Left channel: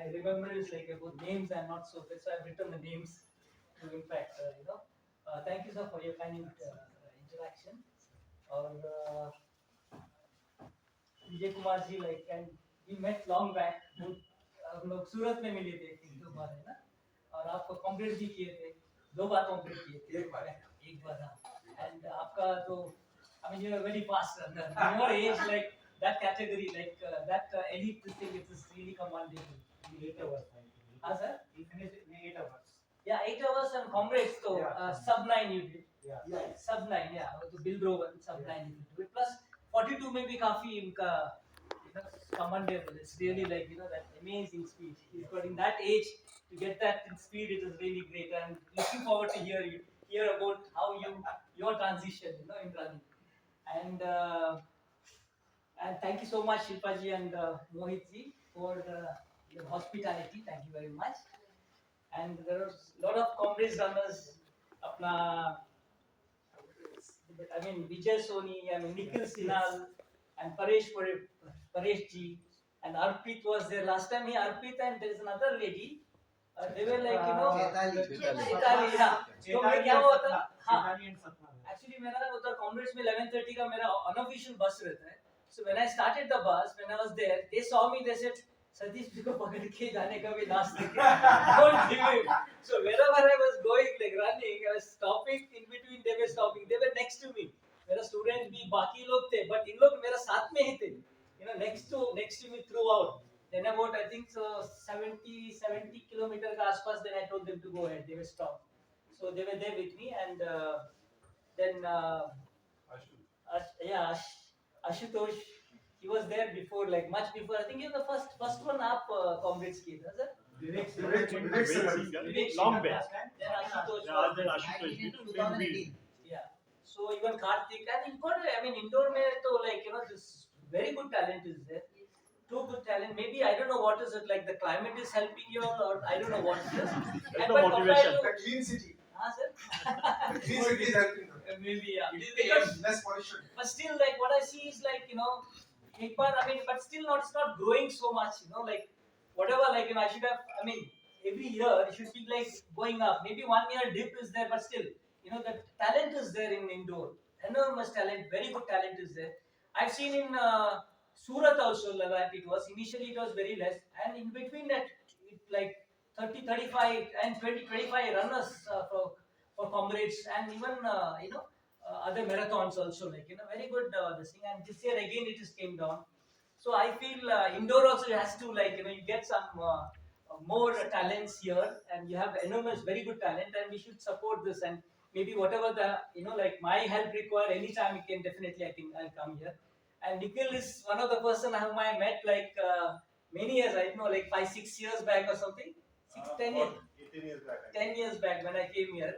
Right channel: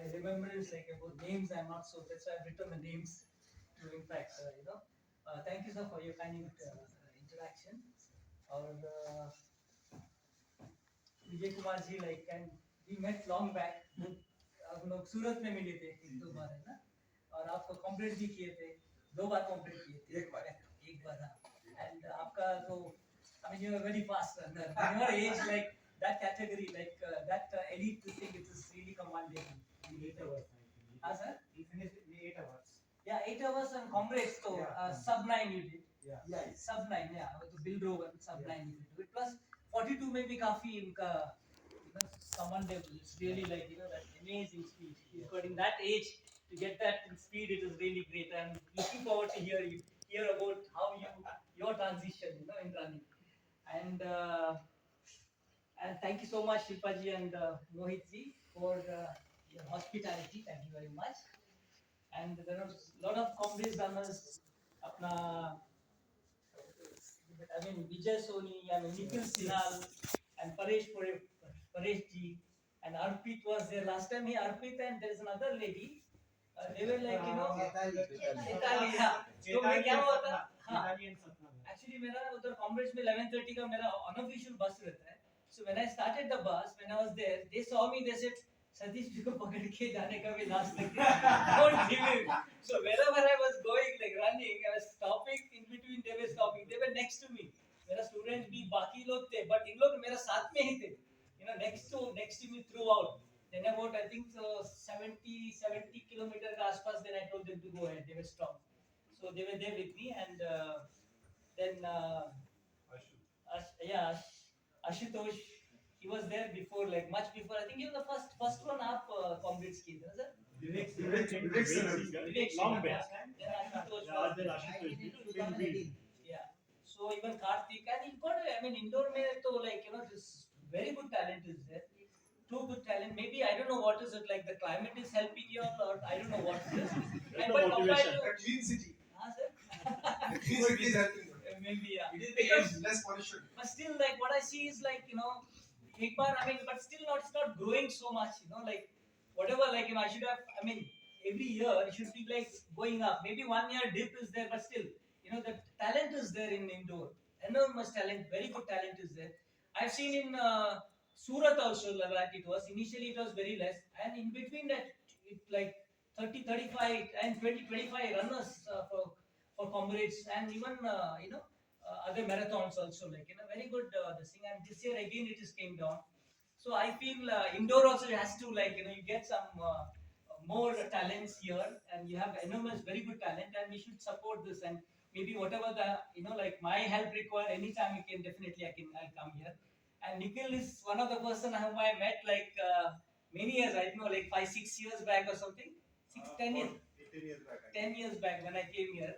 my remembrance like about names I'm not so. That's why I've written the names. So in fact, thank you sir for your kind interaction. Or Vijay Kumar ji like and we met long back. हम लोग सूरत में मिले थे एक दो बार है ना. और आपको कॉम्प्लीट भी किए थे. दो बार कॉम्प्लीट किए थे. एक बार हाँ. And आपका तो I mean you are very fast runner. In your age like that category like that elite thing it is really commendable. 8 hours. हाँ sir. You finished in 8 hours. Yeah, 8 hours and comrades so Yeah. sub 9 you did. Yeah. Sub 9 yeah. तो Bill Browan sub 9 you could do it. Plus 42 में भी काफी इनका commendable. It's really like that amazing speed. He's got in that age to get that in speed. It is really great. And looking forward to hear about how your transition in running. And thank you so much Shilpa ji and Mohit ji for your hospitality. Thank you very much. And there are a lot of comrades runners. अपना I mean Vijay Soni and Nikhil Sinal and Paresh ji and Arpit was there last time. Arpit and there is another lady. They were like Chaitali yeah. तो मैं क्या हुआ था हाँ actually मेरा उधर comrades में 11:30 का मेरा unofficial bus रहता है. So when I started the bus, when I was there, they saw me. They said, "Satish जी को पकड़ के जाने का भी लास्ट तक don't give him." So wherever I was going, like running, I was stopping in between. They were stopping. They were next to me. मेरा student भी बाकी लोग थे, but इन लोग मेरा साथ में ही थे. Next to me throughout. Then about I think so 70 kilometer का आसपास. Then I told them to go ahead. They were stopped. So they were there with me and then Ashutosh, he was there before, like much before. I think the first one up comrades kiye tha, sir. Vivek Long back. Then Ashutosh. 2018. Yeah. So even Karthik and I mean indore mein to like this very good talent is there. Too good talent. Maybe I don't know what is it like. The climate is helping you or I don't know what it is. No motivation. That clean city. Sir. Clean city is helping them. Maybe yeah. It becomes less pollution. But still, like what I see is like एक बार I mean, but still not. It's not growing so much. Like whatever. Like I should have. I mean, every year it should be like going up. Maybe 1 year dip is there, but still, the talent is there in indoor. Enormous talent, very good talent is there. I've seen in Surat also that it was initially it was very less, and in between that it like 30, 35 and 20, 25 runners for comrades and even other marathons also like very good this thing. And this year again it is came down. So I feel indoor also has to like you get some more talents here, and you have enormous very good talent, and we should support this. And maybe whatever the like my help require anytime you can definitely I'll come here. And Nikhil is one of the person whom I met like many years, I don't know, like 5-6 years back or something. 10 years. 18 years back. 10 years back when I came here.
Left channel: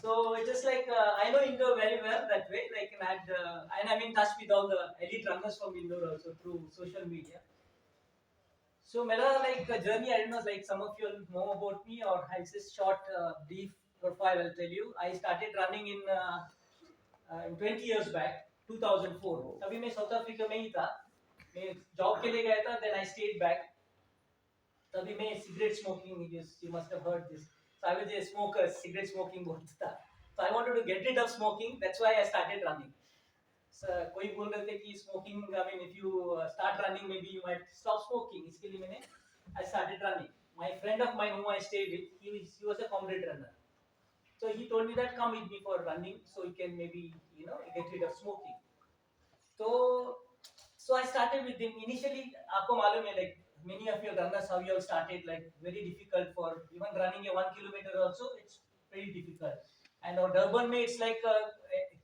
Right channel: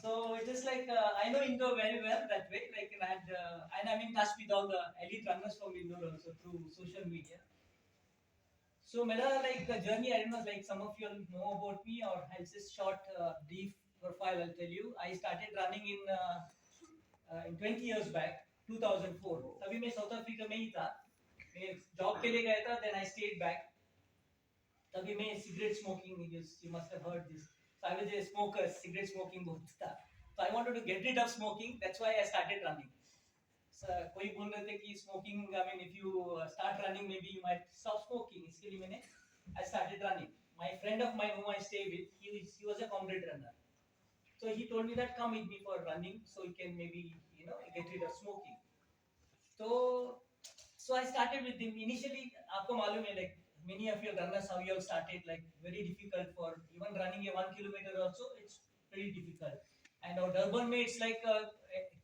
So it is like I know Indore very well that way. Like and I'm in touch with all the elite runners from Indore also through social media. So Mela like journey, I don't know, like some of you know about me or I'll just short brief profile. I'll tell you. I started running in 20 years back, 2004. तभी मैं south Africa में ही था. मैं job के लिए गया था. Then I stayed back. तभी मैं cigarette smoking. You must have heard this. So I was a smoker. Cigarette smoking बहुत था. So I wanted to get rid of smoking. That's why I started running. So कोई बोल रहे थे कि smoking. I mean, if you start running, maybe you might stop smoking. इसके लिए मैंने I started running. My friend of mine whom I stayed with, he was a comrade runner. So he told me that come with me for running, so you can maybe get rid of smoking. So I started with him. Initially, आपको मालूम है like many of your runners how you all started like very difficult for even running a 1 kilometer also it's very difficult. And our Durban में it's like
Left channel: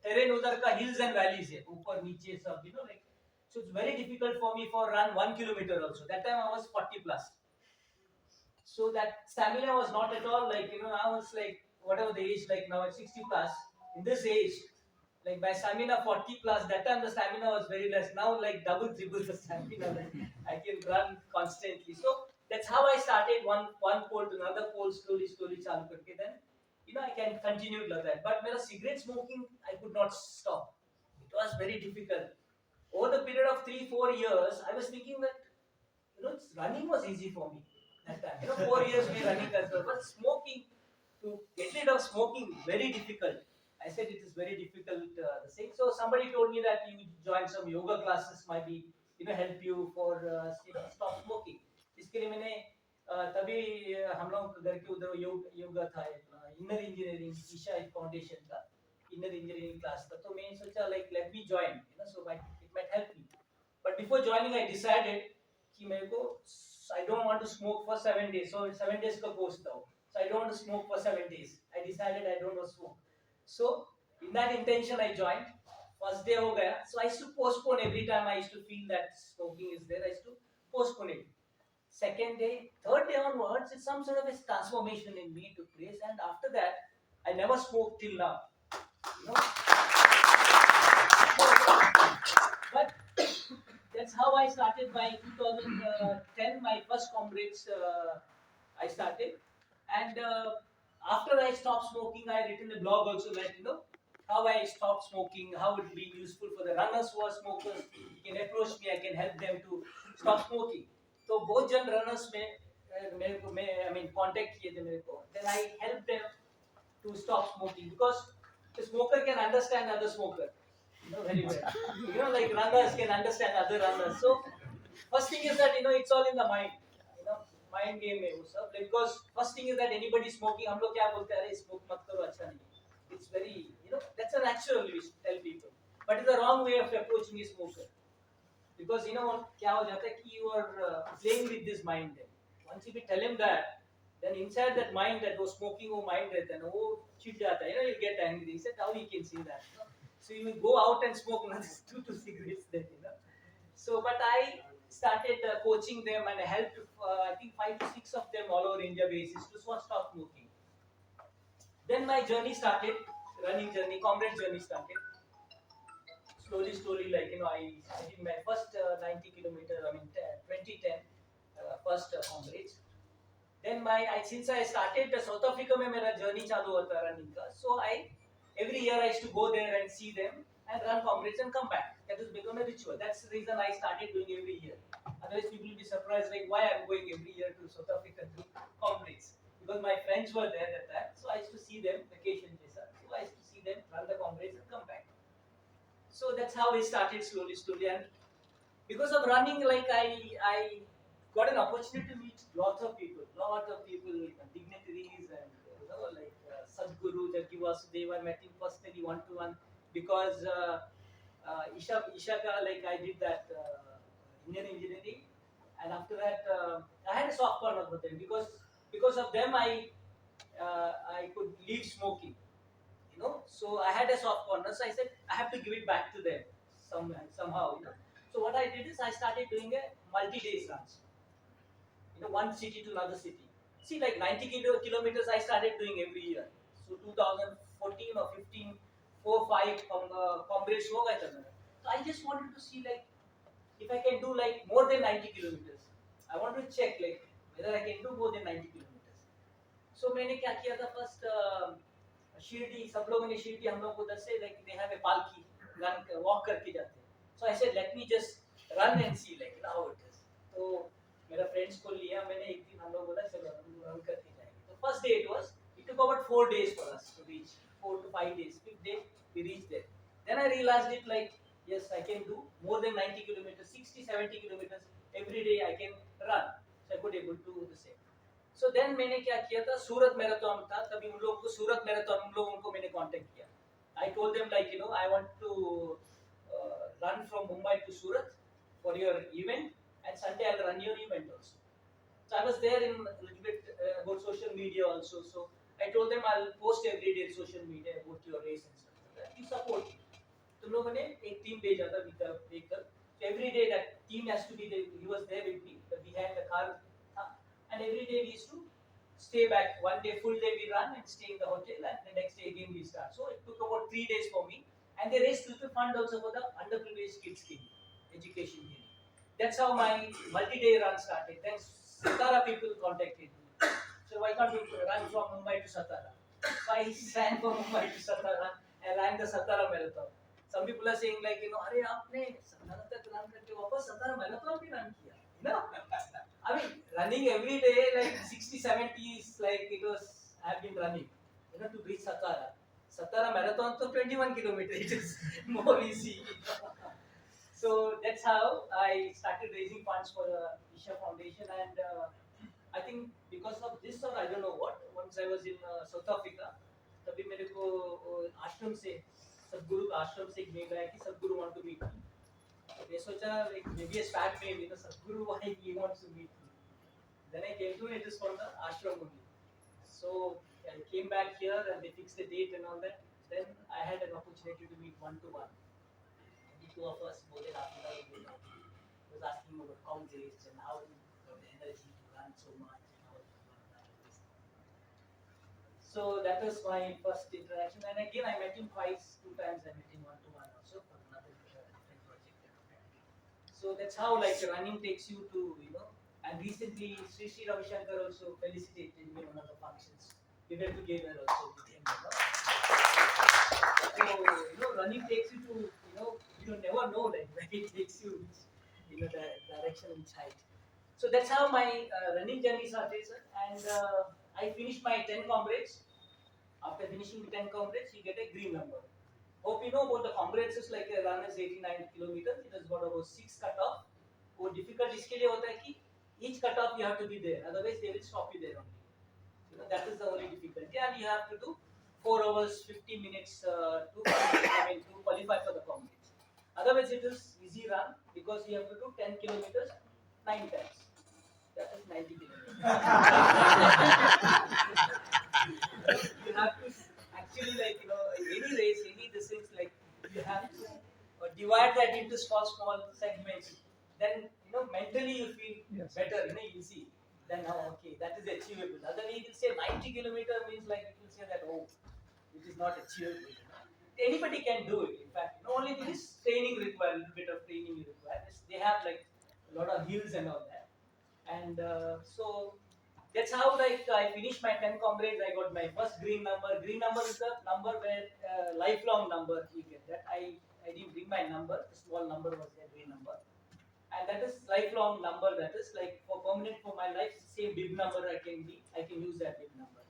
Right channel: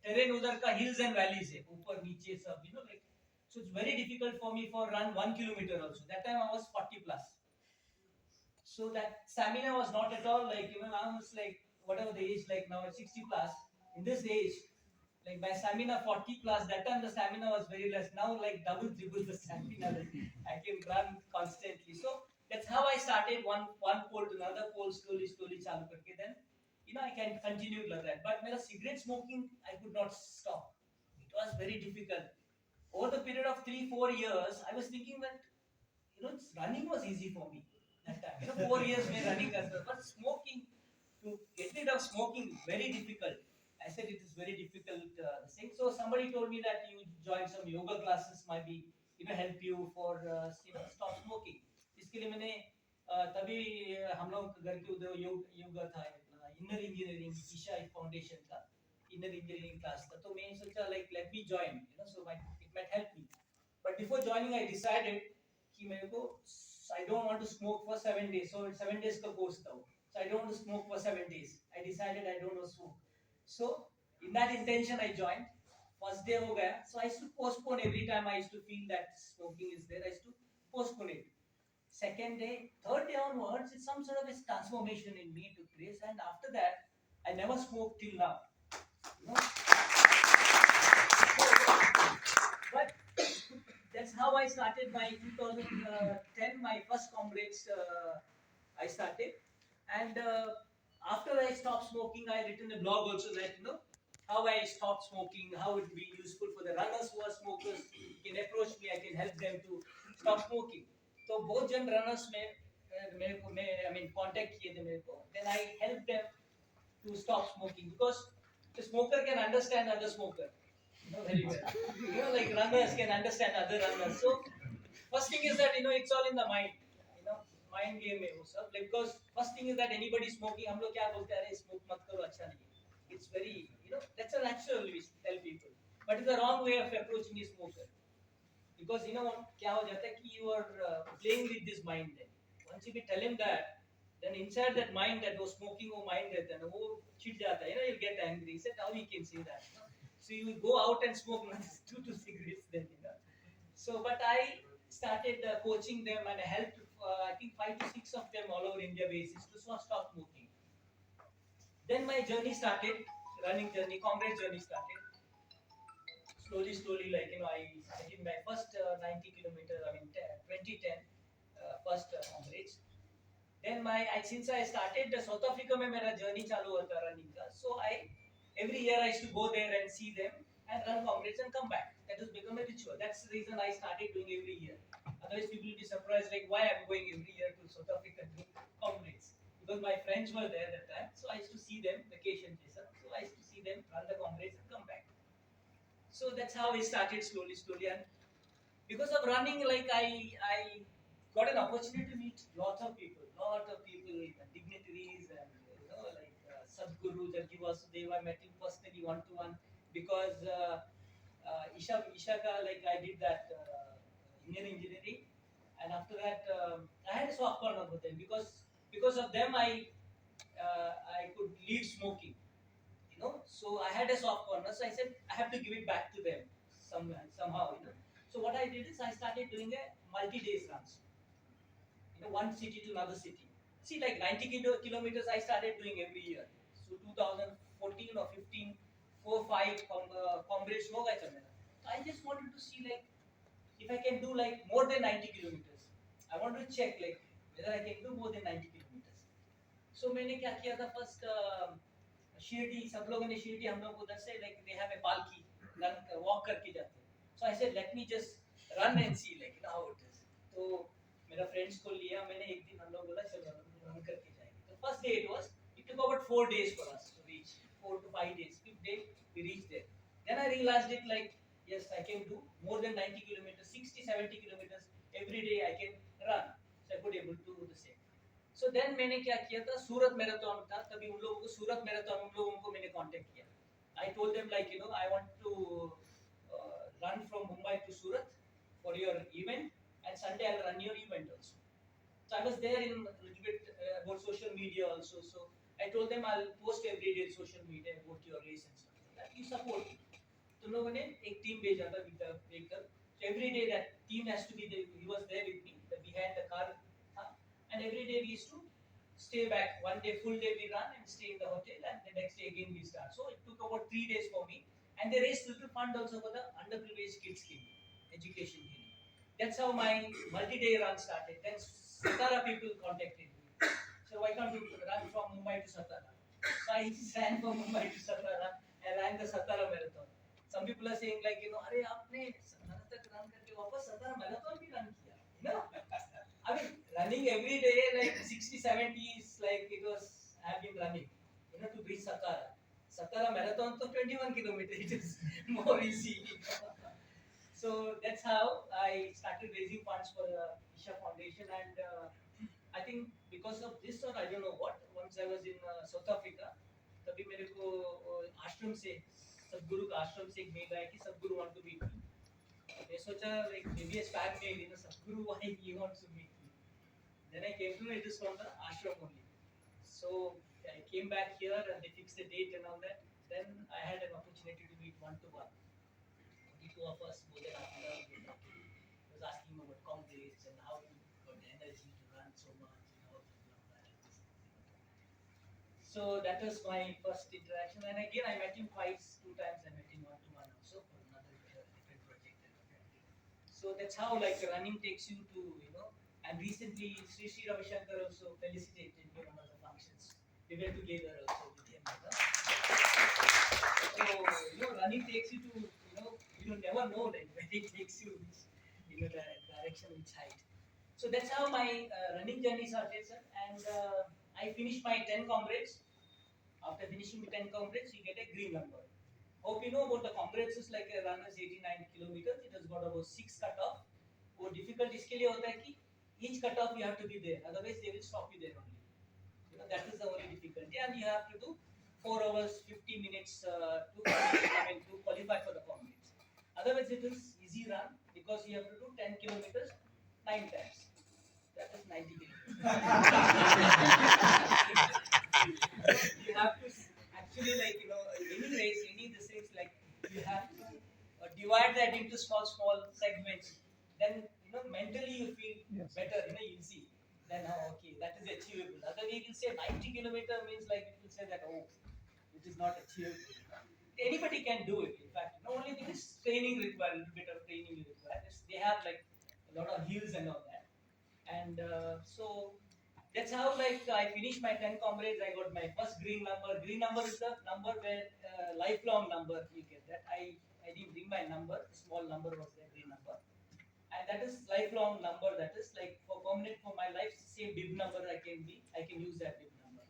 terrain उधर का hills and valleys है ऊपर नीचे सब like so it's very difficult for me for run 1 kilometer also. That time I was 40 plus. So that stamina was not at all like I was like whatever the age like now at 60 plus in this age like my stamina 40 plus. That time the stamina was very less. Now like double triple the stamina. Like, I can run constantly. So that's how I started one pole to another pole slowly चालू करके. Then I can continue like that. But मेरा cigarette smoking I could not stop. It was very difficult. Over the period of 3-4 years I was thinking that running was easy for me that time. 4 years में running करता था, but smoking, to get rid of smoking, very difficult. I said it is very difficult. The thing. So somebody told me that you join some yoga classes, might be help you for stop smoking. इसके लिए मैंने तभी हम लोग घर के उधर योगा था, इनर इंजीनियरिंग ईशा फाउंडेशन का इनर इंजीनियरिंग क्लास था, तो मैंने सोचा like let me join, so it might help me. But before joining I decided कि मेरे को I don't want to smoke for 7 days. So 7 days का course था, so I don't want to smoke for 7 days. I decided I don't want to smoke. So in that intention I joined. First day हो गया, so I used to postpone every time I used to feel that smoking is there. I used to postpone it. Second day, third day onwards, it's some sort of a transformation in me took place, and after that, I never smoked till now. But that's how I started my 2010. My first comrades I started, and after I stopped smoking, I written a blog also that how I stopped smoking, how it will be useful for the runners who are smokers. You can approach me, I can help them to stop smoking. So both जन runners में मेरे को contact किए थे मेरे को. Then I helped them to stop smoking, because the smoker can understand other smoker, very well. Like runners can understand other runners. So first thing is that it's all in the mind. Mind game में वो सब. Because first thing is that anybody smoking, हम लोग क्या बोलते हैं, अरे smoke मत करो, अच्छा नहीं. It's very, that's a natural we tell people. But it's the wrong way of approaching a smoker. Because क्या हो जाता है कि you are playing with this mind. Then once you tell him that, then inside that mind, that वो smoking वो mind रहता है ना, वो चिढ़ जाता है, he'll get angry. He said, how you can see that? So you will go out and smoke another 2 cigarettes then. So but I started coaching them and helped I think 5 to 6 of them all over India basis to stop smoking. Then my journey started, running journey, comrade journey started. Slowly, like I did my first 90 kilometers. 2010 first comrades. Then since I started South Africa में मेरा journey चालू होता running का, so every year I used to go there and see them and run comrades and come back. That has become a ritual. That's the reason I started doing every year. Otherwise people will be surprised like why I'm going every year to South Africa to comrades, because my friends were there at that time, so I used to see them vacation जैसा. So I used to see them run the comrades and come back. So that's how we started slowly, and because of running, like I got an opportunity to meet lot of people, dignitaries, and like Sadhguru Jaggi Vasudeva. I met him personally one to one, because Ishaka, like I did that Indian engineering, and after that I had a soft corner for them, because of them I could leave smoking. So I had a soft corner, so I said I have to give it back to them somehow. So what I did is I started doing a multi-days runs, one city to another city. See, like 90 kilometers I started doing every year. So 2014 or 15, 4-5 comrades हो गए थे मेरा. So I just wanted to see like if I can do like more than 90 kilometers. I want to check like whether I can do more than 90 kilometers. So मैंने क्या किया था first Shirdi, सब लोगों ने शिरडी हम लोग उधर से like they have a palki, run walk करके जाते हैं. So I said let me just run and see like how it is. तो मेरा फ्रेंड्स को लिया मैंने, एक दिन हम लोग बोला चलो हम रन करके जाएंगे. तो first day it took about 4 days for us to reach, 4 to 5 days. Fifth day we reached there. Then I realized it like yes, I can do more than 90 kilometers, 60-70 kilometers every day I can run. So I could able to do the same. So then मैंने क्या किया था, सूरत marathon था तभी उन लोगों को, सूरत marathon उन लोगों को मैंने कांटेक्ट किया. I told them like I want to run from Mumbai to Surat for your event, and Sunday I'll run your event also. So I was there in a little bit about social media also. So I told them I'll post every day in social media about your race and stuff like that. You support me. तुम लोगों ने एक team भेजा था with the vehicle. So every day that team has to be there. He was there with me. Behind the car, and every day we used to stay back. One day, full day we run and stay in the hotel, and the next day again we start. So it took about 3 days for me, and they raised little fund also for the underprivileged kids education. That's how my multi-day run started. Then Satara people contacted me. So why can't you run from Mumbai to Satara? So I ran from Mumbai to Satara and ran the Satara marathon. Some people are saying like अरे आपने Satara तक run करके वापस Satara marathon भी run किया, running every day like 60, 70 is like it was. I have been running, to reach Satara. Satara marathon to 21 kilometers. It is more easy. So that's how I started raising funds for the Isha Foundation, and I think because of this or I don't know what. Once I was in South Africa, तभी मेरे को आश्रम से सदगुरु का आश्रम से एक मेल आया कि सदगुरु want to meet me. मैं सोचा like maybe a sad mail, Sadhguru why he wants to meet me. Then I came to know it is from the ashram only. So I came back here and they fixed the date and all that. Then I had an opportunity to meet one to one. The two of us, more than half an hour, we were talking. He was asking about comrades and how you got the energy to run so much and how you got that. So that was my first interaction. And again, I met him twice, two times I met him one to one also for another different project. So that's how like running takes you to, and recently Sri Ravi Shankar also felicitated me on one of the functions. We were together also with him, So, running takes you to, you never know like where it takes you, which, the direction, which height. So that's how my running journey started, sir. And I finished my 10 comrades. After finishing the 10 comrades, you get a green number. Hope you know about the comrades is like a run is 89 kilometers. It has got about 6 cutoff. वो difficult इसके लिए होता है कि each cutoff you have to be there. Otherwise they will stop you there only. That is the only difficulty, and you have to do 4 hours 50 minutes to qualify for the comrades. Otherwise it is easy run because you have to do 10 kilometers 9 times. That is 90 kilometers. You have to actually any race, any this things like you have to divide that into small segments. Then mentally you feel better. You see. Then now okay, that is achievable. Otherwise, it will say 90 kilometer means like it will say that it is not achievable. Anybody can do it. In fact, only this training required, a little bit of training required. They have like a lot of hills and all that, and so that's how like I finished my 10 comrades. I got my first green number. Green number is the number where lifelong number you get that. I didn't bring my number. The small number was the green number, and that is lifelong number. That is like for permanent for my life. Same bib number I can use that bib number.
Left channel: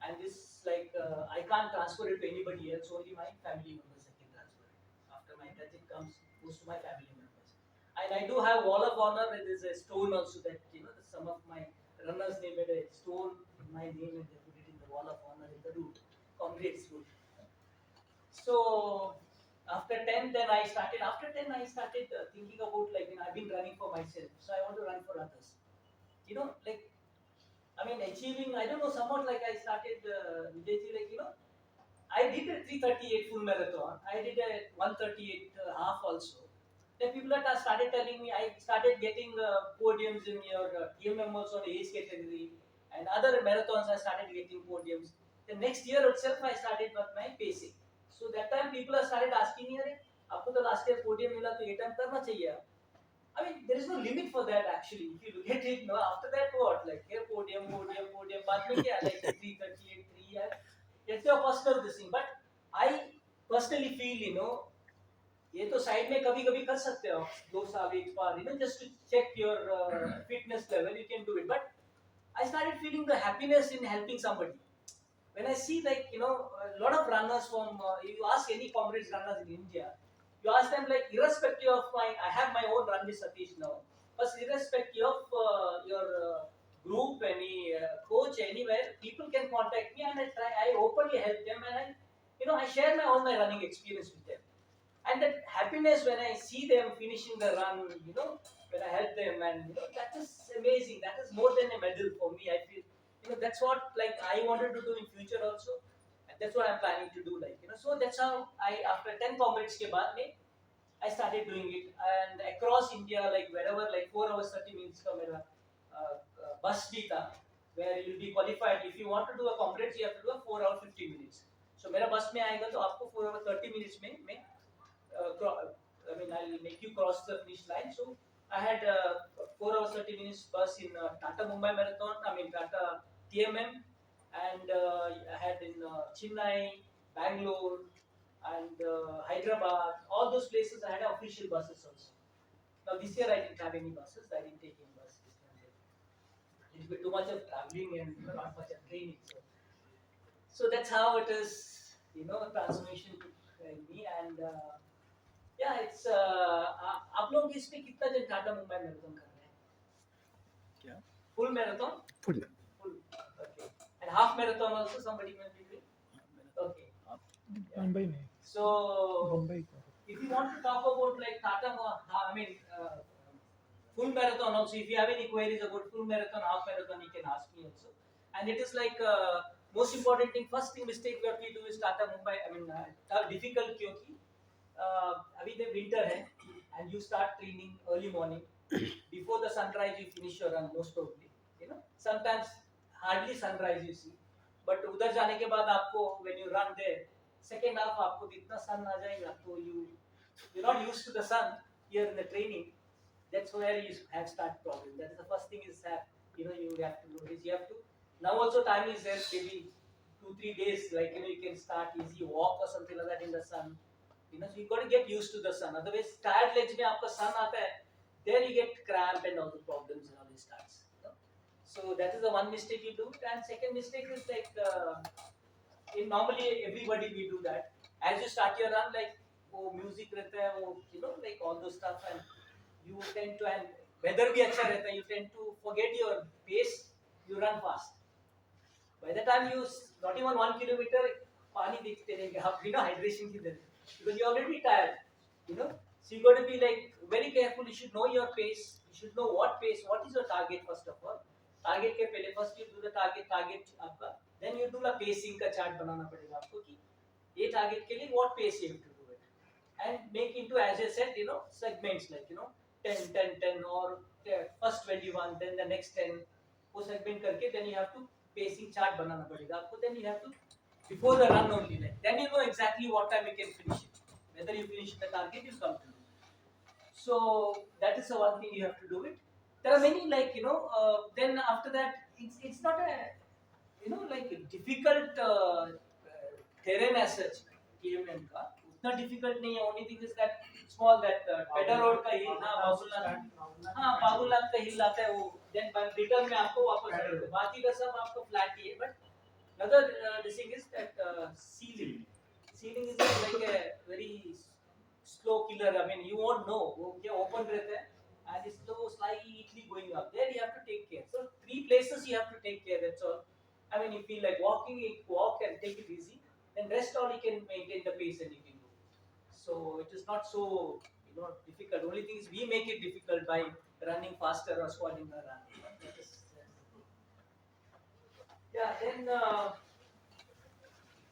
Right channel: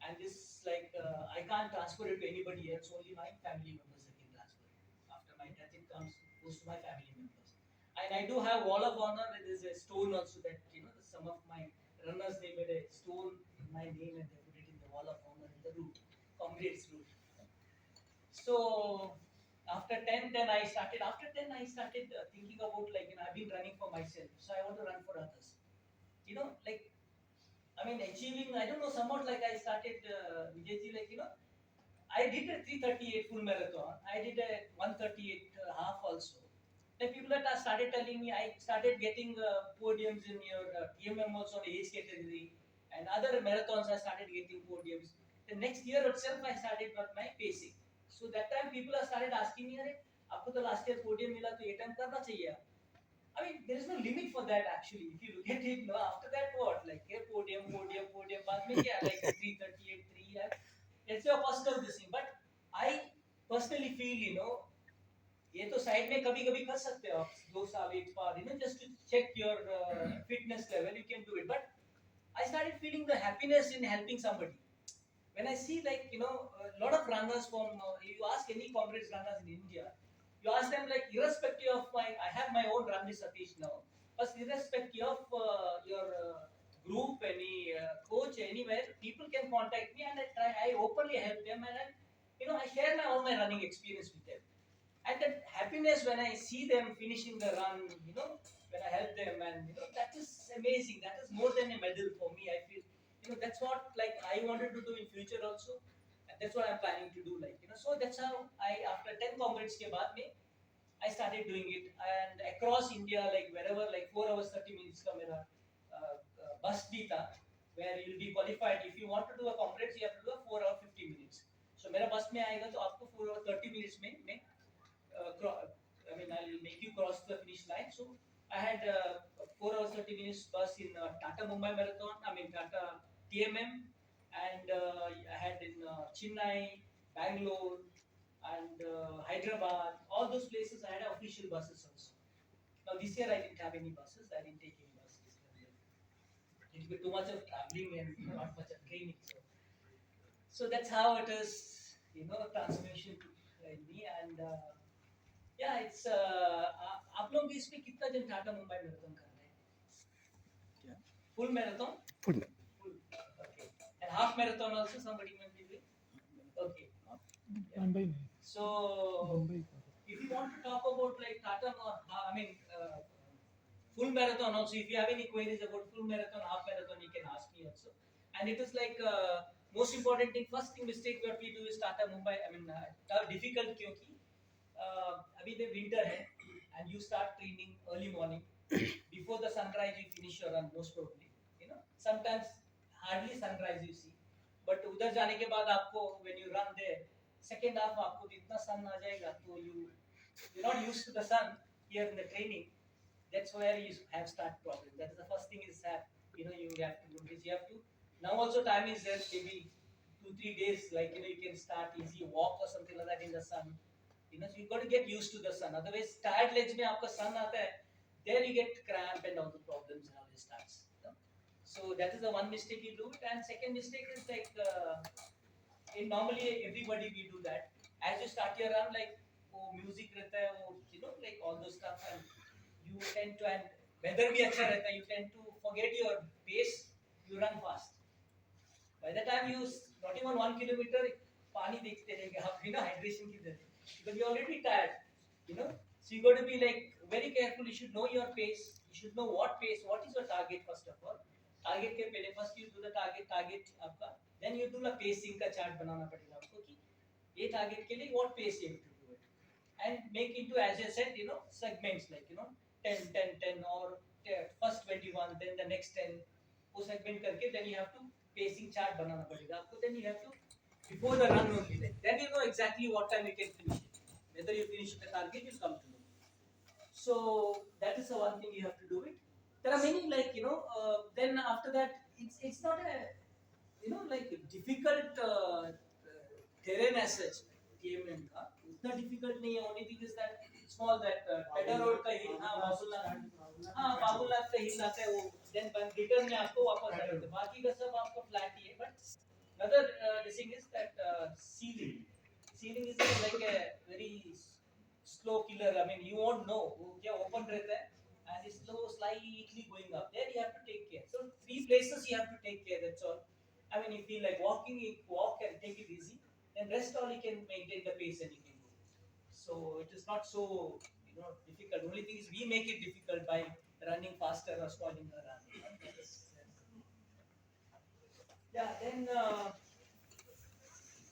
And this like I can't transfer it to anybody else. Only my family members I can transfer it. After my death, it goes to my family members. And I do have wall of honor. There is a stone also that some of my runners they made a stone in my name and they put it in the wall of honor in the route, comrades route. So after 10, then I started. After 10, I started thinking about like I've been running for myself, so I want to run for others. Like achieving. I don't know. Somewhat like I started Vijayji, like I did a 3:38 full marathon. I did a 1:38 half also. Then people that started telling me, I started getting podiums in your TMM also on age category, and other marathons I started getting podiums. The next year itself I started with my pacing. So that time people have started asking me, अरे आपको तो last year podium मिला तो ये time करना चाहिए आप. I mean, there is no limit for that actually. If you look at it, no, after that what? Like here podium. बाद में क्या? Like 3:38, 3. That's your personal this thing. But I personally feel, ये तो side में कभी कभी कर सकते हो आप 2 साल एक बार just to check your fitness level you can do it, but I started feeling the happiness in helping somebody when I see like a lot of runners from you ask any comrades runners in India, you ask them like irrespective of I have my own run with Satish now, but irrespective of your group, any coach anywhere, people can contact me and I openly help them, and I share all my running experience with them. And that happiness when I see them finishing the run, when I help them, and that is amazing. That is more than a medal for me. I feel, that's what like I wanted to do in future also, and that's what I'm planning to do. Like so that's how I after 10 comrades ke baad mein, I started doing it, and across India, like wherever, like 4 hours 30 minutes ka mera bus bhi tha, where you'll be qualified. If you want to do a comrades, you have to do a 4 hour 50 minutes. So मेरा बस में आएगा तो आपको 4 hour 30 minutes में मैं I'll make you cross the finish line. So I had 4 hours 30 minutes bus in Tata Mumbai Marathon. Tata TMM, and I had in Chennai, Bangalore, and Hyderabad. All those places I had official buses also. Now this year I didn't have any buses. I didn't take any buses. bit too much of traveling and not much of training. So that's how it is. Transformation took in me and yeah, it's आप लोग इस पे कितना जन Tata Mumbai marathon कर रहे हैं? क्या? Full marathon? Full. Full. Okay. And half marathon also somebody may be doing? Okay. Mumbai नहीं. So Mumbai. if you want to talk about like full marathon also, if you have any queries about full marathon, half marathon, you can ask me also. And it is like most important thing, first thing mistake what we do is Tata Mumbai. Difficult क्योंकि अभी the winter है and you start training early morning before the sunrise you finish your run most probably. Sometimes hardly sunrise you see, but उधर जाने के बाद आपको when you run there second half आपको इतना sun आ जाएगा तो you're not used to the sun here in the training. That's where you have start problem. That is the first thing is that you have to notice. You have to now also time is there maybe 2-3 days like you can start easy walk or something like that in the sun. So you got to get used to the sun. Otherwise tired legs में आपका sun आता है, there you get cramp and all the problems and all it starts. So that is the one mistake you do. And second mistake is like normally everybody we do that. As you start your run like music रहता है like all those stuff and you tend to and weather भी अच्छा रहता है you tend to forget your pace, you run fast. By the time you not even 1 kilometer पानी देखते रहेंगे आप hydration की तरह because you already tired. So you got to be like very careful. You should know your pace, you should know what pace, what is your target first of all. Target के पहले first you do the target आपका, then you do the pacing का chart बनाना पड़ेगा आपको कि ये target के लिए what pace you have to do it and make into as I said segments like 10 10 10 or first 21 then the next 10 वो segment करके then you have to pacing chart बनाना पड़ेगा आपको, then you have to before the run only like then you know exactly what time you can finish it, whether you finish the target you come to know. So that is the one thing you have to do it. There are many like then after that it's not a like difficult terrain as such KMN का उतना difficult नहीं है. Only thing is that small that pedal road का hill Babulnath का hill आता है वो then return में आपको वापस आएगा, बाकी का सब आपका flat ही है. But another this thing is that ceiling is like a very slow killer. You won't know वो क्या open रहता है and it's slow slightly going up. There you have to take care. So 3 places you have to take care. That's all. If you feel like walking, you walk and take it easy. Then rest all you can maintain the pace and you can go. So it is not so difficult. Only thing is we make it difficult by running faster or spoiling the run. Yeah.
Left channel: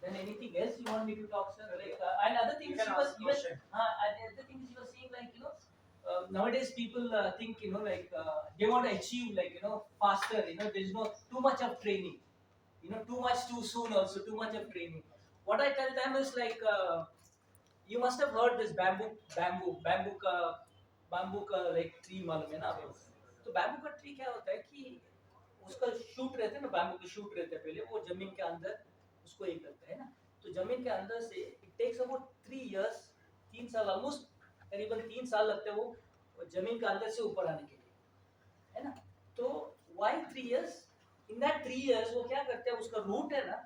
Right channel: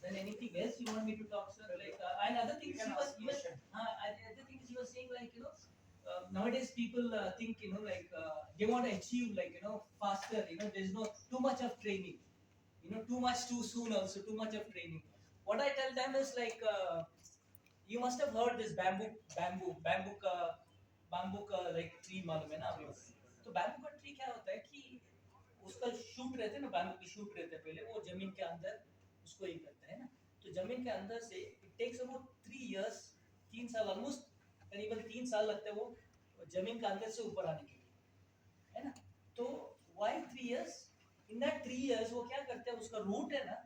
Then anything else you want me to talk, sir? Like and other things You can ask question. other things you were saying like nowadays people think like they want to achieve like faster. There's no too much of training. Too much too soon also too much of training. What I tell them is like you must have heard this bamboo का like tree मालूम है ना आपको? तो bamboo का tree क्या होता है कि उसका shoot रहते हैं ना, bamboo के shoot रहते हैं पहले वो जमीन के अंदर उसको ये करते हैं ना, तो जमीन के अंदर से it takes about 3 years 3 साल almost करीबन 3 साल लगते हैं वो जमीन के अंदर से ऊपर आने के लिए, है ना? तो why 3 years? In that 3 years वो क्या करते हैं, उसका root है ना,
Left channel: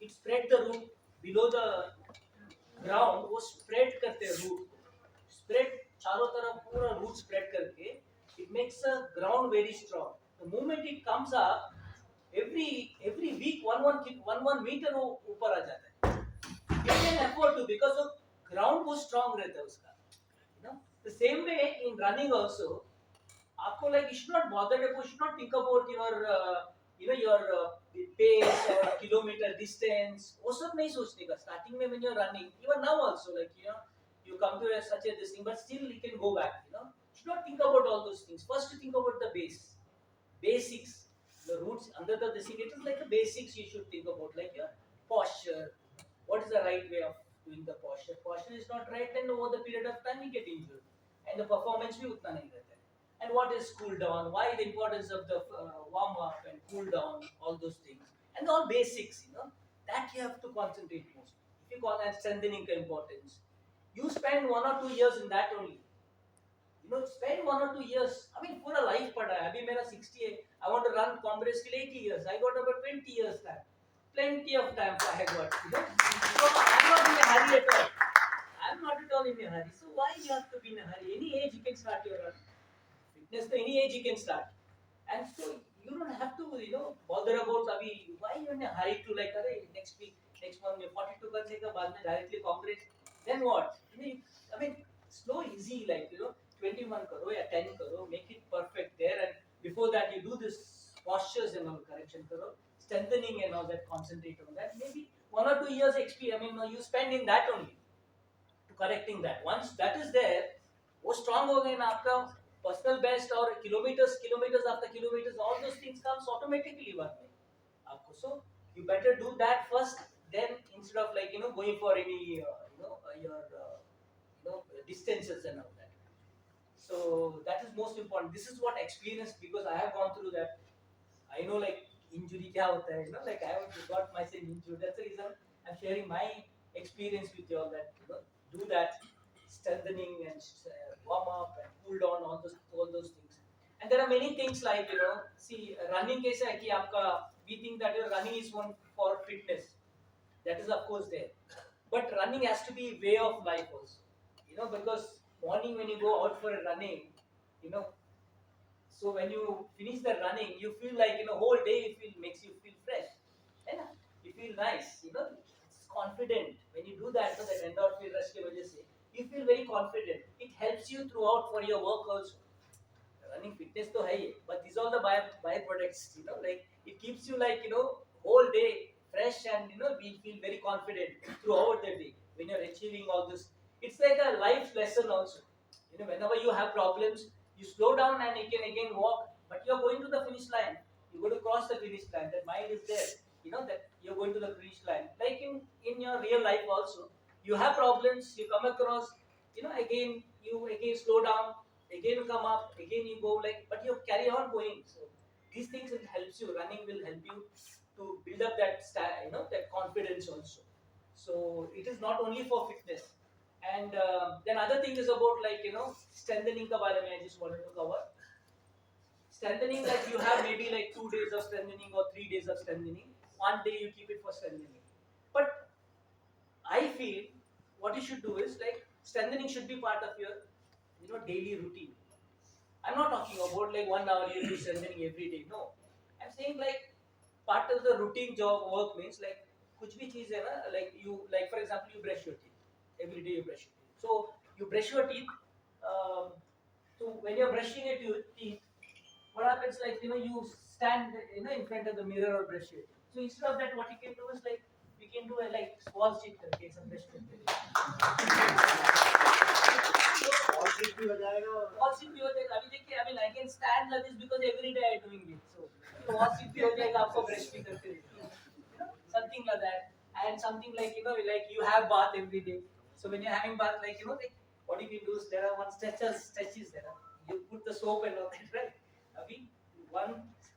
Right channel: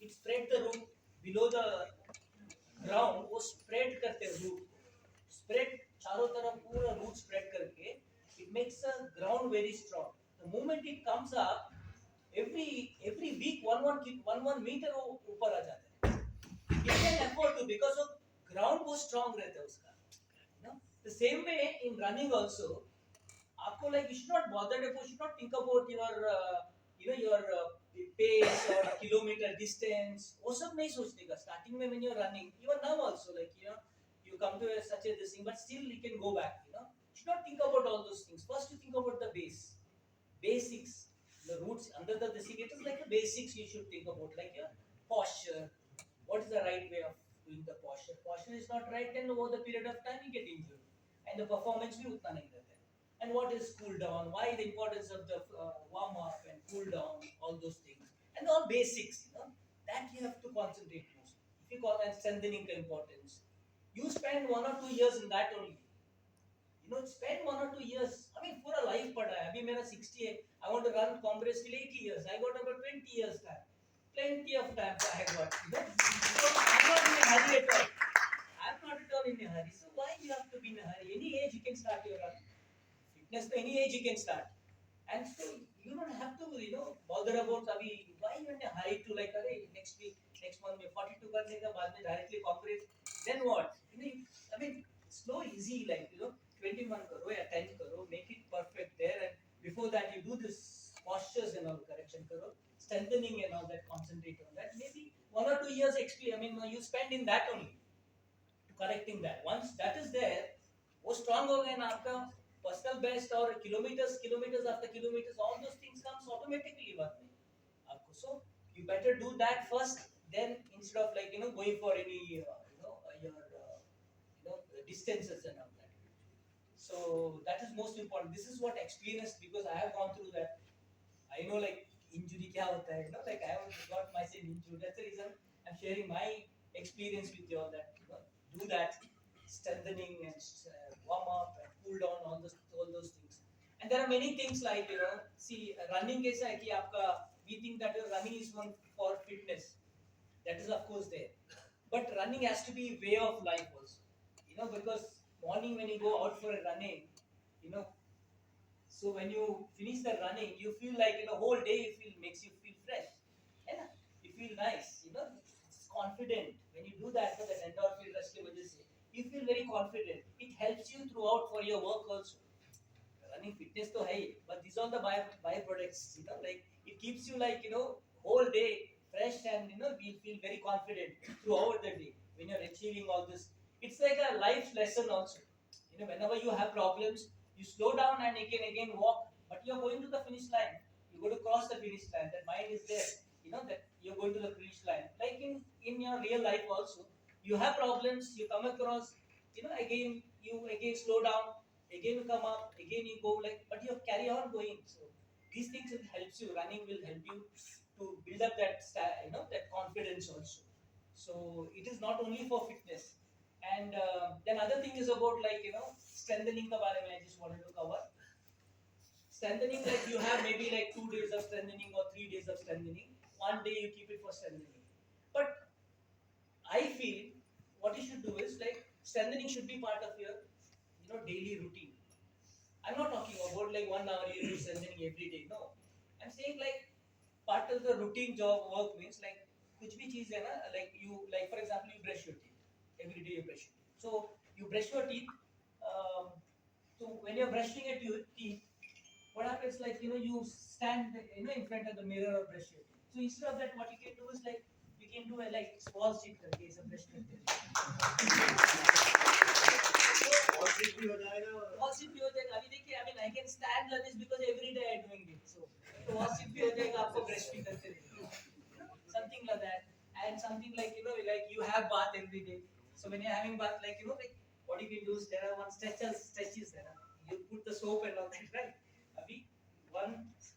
it spread the root below the ground, वो spread करते हैं root, spread चारों तरफ पूरा root spread करके it makes the ground very strong. The moment it comes up, every week one meter वो ऊपर आ जाता है. It can afford to because of ground वो strong रहता है उसका. The same way in running also, आपको like you should not bother, you should not think about your pace or kilometer distance. वो सब नहीं सोचने का. Starting में when you're running, even now also like you come to such a this thing, but still you can go back. You should not think about all those things. First you think about the basics, the roots under the this thing. It is like a basics you should think about, like your posture. What is the right way of doing the posture? Posture is not right, then over the period of time you get injured, and the performance भी उतना नहीं रहता है. And what is cool down? Why the importance of the warm up and cool down, all those things, and all basics, that you have to concentrate most. If you call that strengthening importance, you spend 1 or 2 years in that only. spend 1 or 2 years. I mean, पूरा life पड़ा है. अभी मेरा 60 है. I want to run Congress till 80 years. I got about 20 years time. Plenty of time I got. So I'm not in a hurry at all. I'm not at all in a hurry. So why you have to be in a hurry? Any age you can start your run. Fitness, to any age you can start. And so you don't have to, bother about अभी why you in a hurry to like अरे next week, next month में 42 करने का बाद में directly Congress. Then what? I mean, slow, easy, like 21 करो या 10 करो, make it perfect there, and before that you do this postures and all correction करो, strengthening and all that, concentrate on that. Maybe 1 or 2 years experience. I mean, you spend in that only to correcting that. Once that is there, वो strong हो गए ना आपका personal best और kilometers after kilometers, all those things comes automatically बाद में आपको. So you better do that first, then instead of like going for any your distances and all that. So that is most important. This is what experience, because I have gone through that. I know like injury क्या होता है, like I have got myself injured. That's the reason I'm sharing my experience with you all, that do that strengthening and warm up and cool down, all those things. And there are many things like see running कैसा है कि आपका, we think that your running is one for fitness. That is of course there, but running has to be way of life also. Because morning when you go out for a running, you know so when you finish the running, you feel like whole day makes you feel fresh. Yeah, you feel nice. It's confident when you do that. So that endorphin rush के वजह से you feel very confident. It helps you throughout for your work also. Running fitness तो है ही, but these all the byproducts. Like it keeps you like whole day fresh, and we feel very confident throughout the day when you're achieving all this. It's like a life lesson also. Whenever you have problems, you slow down and again walk, but you're going to the finish line. You go to cross the finish line. That mind is there. That you're going to the finish line. Like in your real life also, you have problems. You come across. Again you slow down. Again you come up. Again you go like, but you carry on going. So these things will helps you. Running will help you to build up that that confidence also. So it is not only for fitness. And then other thing is about like strengthening the bare mein I just wanted to cover. Strengthening, like you have maybe like 2 days of strengthening or 3 days of strengthening. One day you keep it for strengthening. But I feel what you should do is like strengthening should be part of your daily routine. I'm not talking about like 1 hour you do strengthening every day. No, I'm saying like part of the routine job work means like कुछ भी चीज है ना, like you, like for example you brush your teeth every day. You brush your teeth, so you brush your teeth. So when you're brushing your teeth, what happens, like you stand in front of the mirror or brush your teeth. So instead of that, what you can do is like you can do a like small sit करके ऐसा brush करते और फिर भी हो जाएगा और wall sit भी हो जाएगा. अभी देखिए, I mean I can stand like this because every day I'm doing it. So wall sit भी हो जाएगा, आपको brush भी करते रहिए. Something like that. And something like like you have bath every day. So when you're having bath, like like what you can do is there are one stretches there. You put the soap and all that, right? अभी one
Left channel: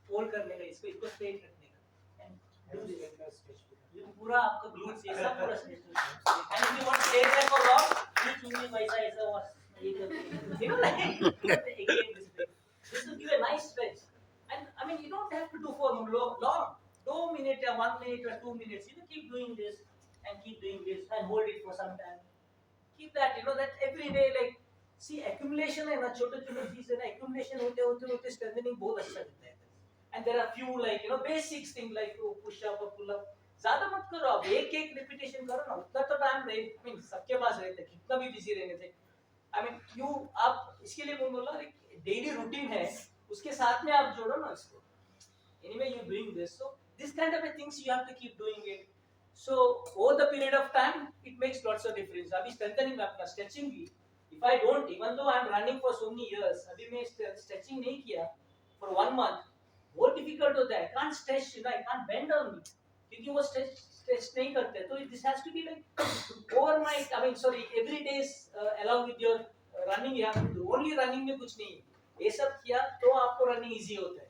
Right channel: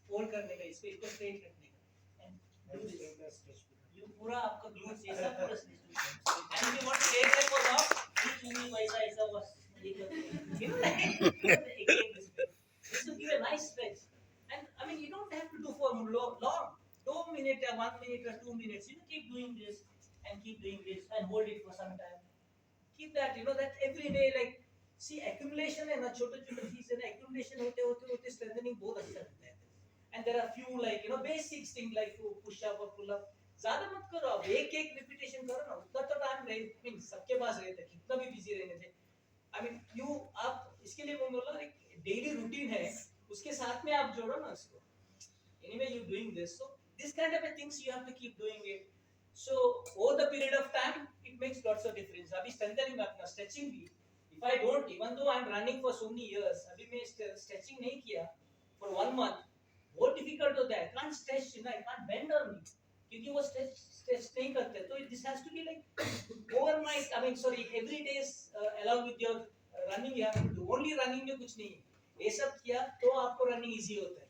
fold करने का, इसको straight रखने का, and do this. ये पूरा आपका glutes ये सब पूरा straight. And if you want to stay back or long, you चुन्नी वैसा ऐसा was like again this way. This will give a nice stretch. And I mean you don't have to do for long. 2 minutes or 1 minute or 2 minutes. Keep doing this and keep doing this and hold it for some time. Keep that, that every day, like see accumulation है ना, छोटे छोटे चीज है ना, accumulation होते strengthening बहुत अच्छा रहता है. And there are few like basics thing like push up or pull up. ज्यादा मत करो, आप एक repetition करो ना, उतना तो टाइम रहे, मीन सबके पास रहता है, कितना भी बिजी रहने थे. I mean आप इसके लिए बोला एक डेली रूटीन है, उसके साथ में आप जोड़ो ना इसको. Anyway you're doing this, so this kind of a things you have to keep doing it. So over the period of time it makes lots of difference. अभी strengthening में अपना stretching भी, if I don't, even though I'm running for so many years, अभी मैं stretching नहीं किया for 1 month, बहुत difficult होता है. I can't stretch, I can't bend on me, क्योंकि वो stretch नहीं करते. So this has to be like overnight. I mean sorry, every day along with your running you have to do. Only running में कुछ नहीं, ये सब किया तो आपको running easy होता है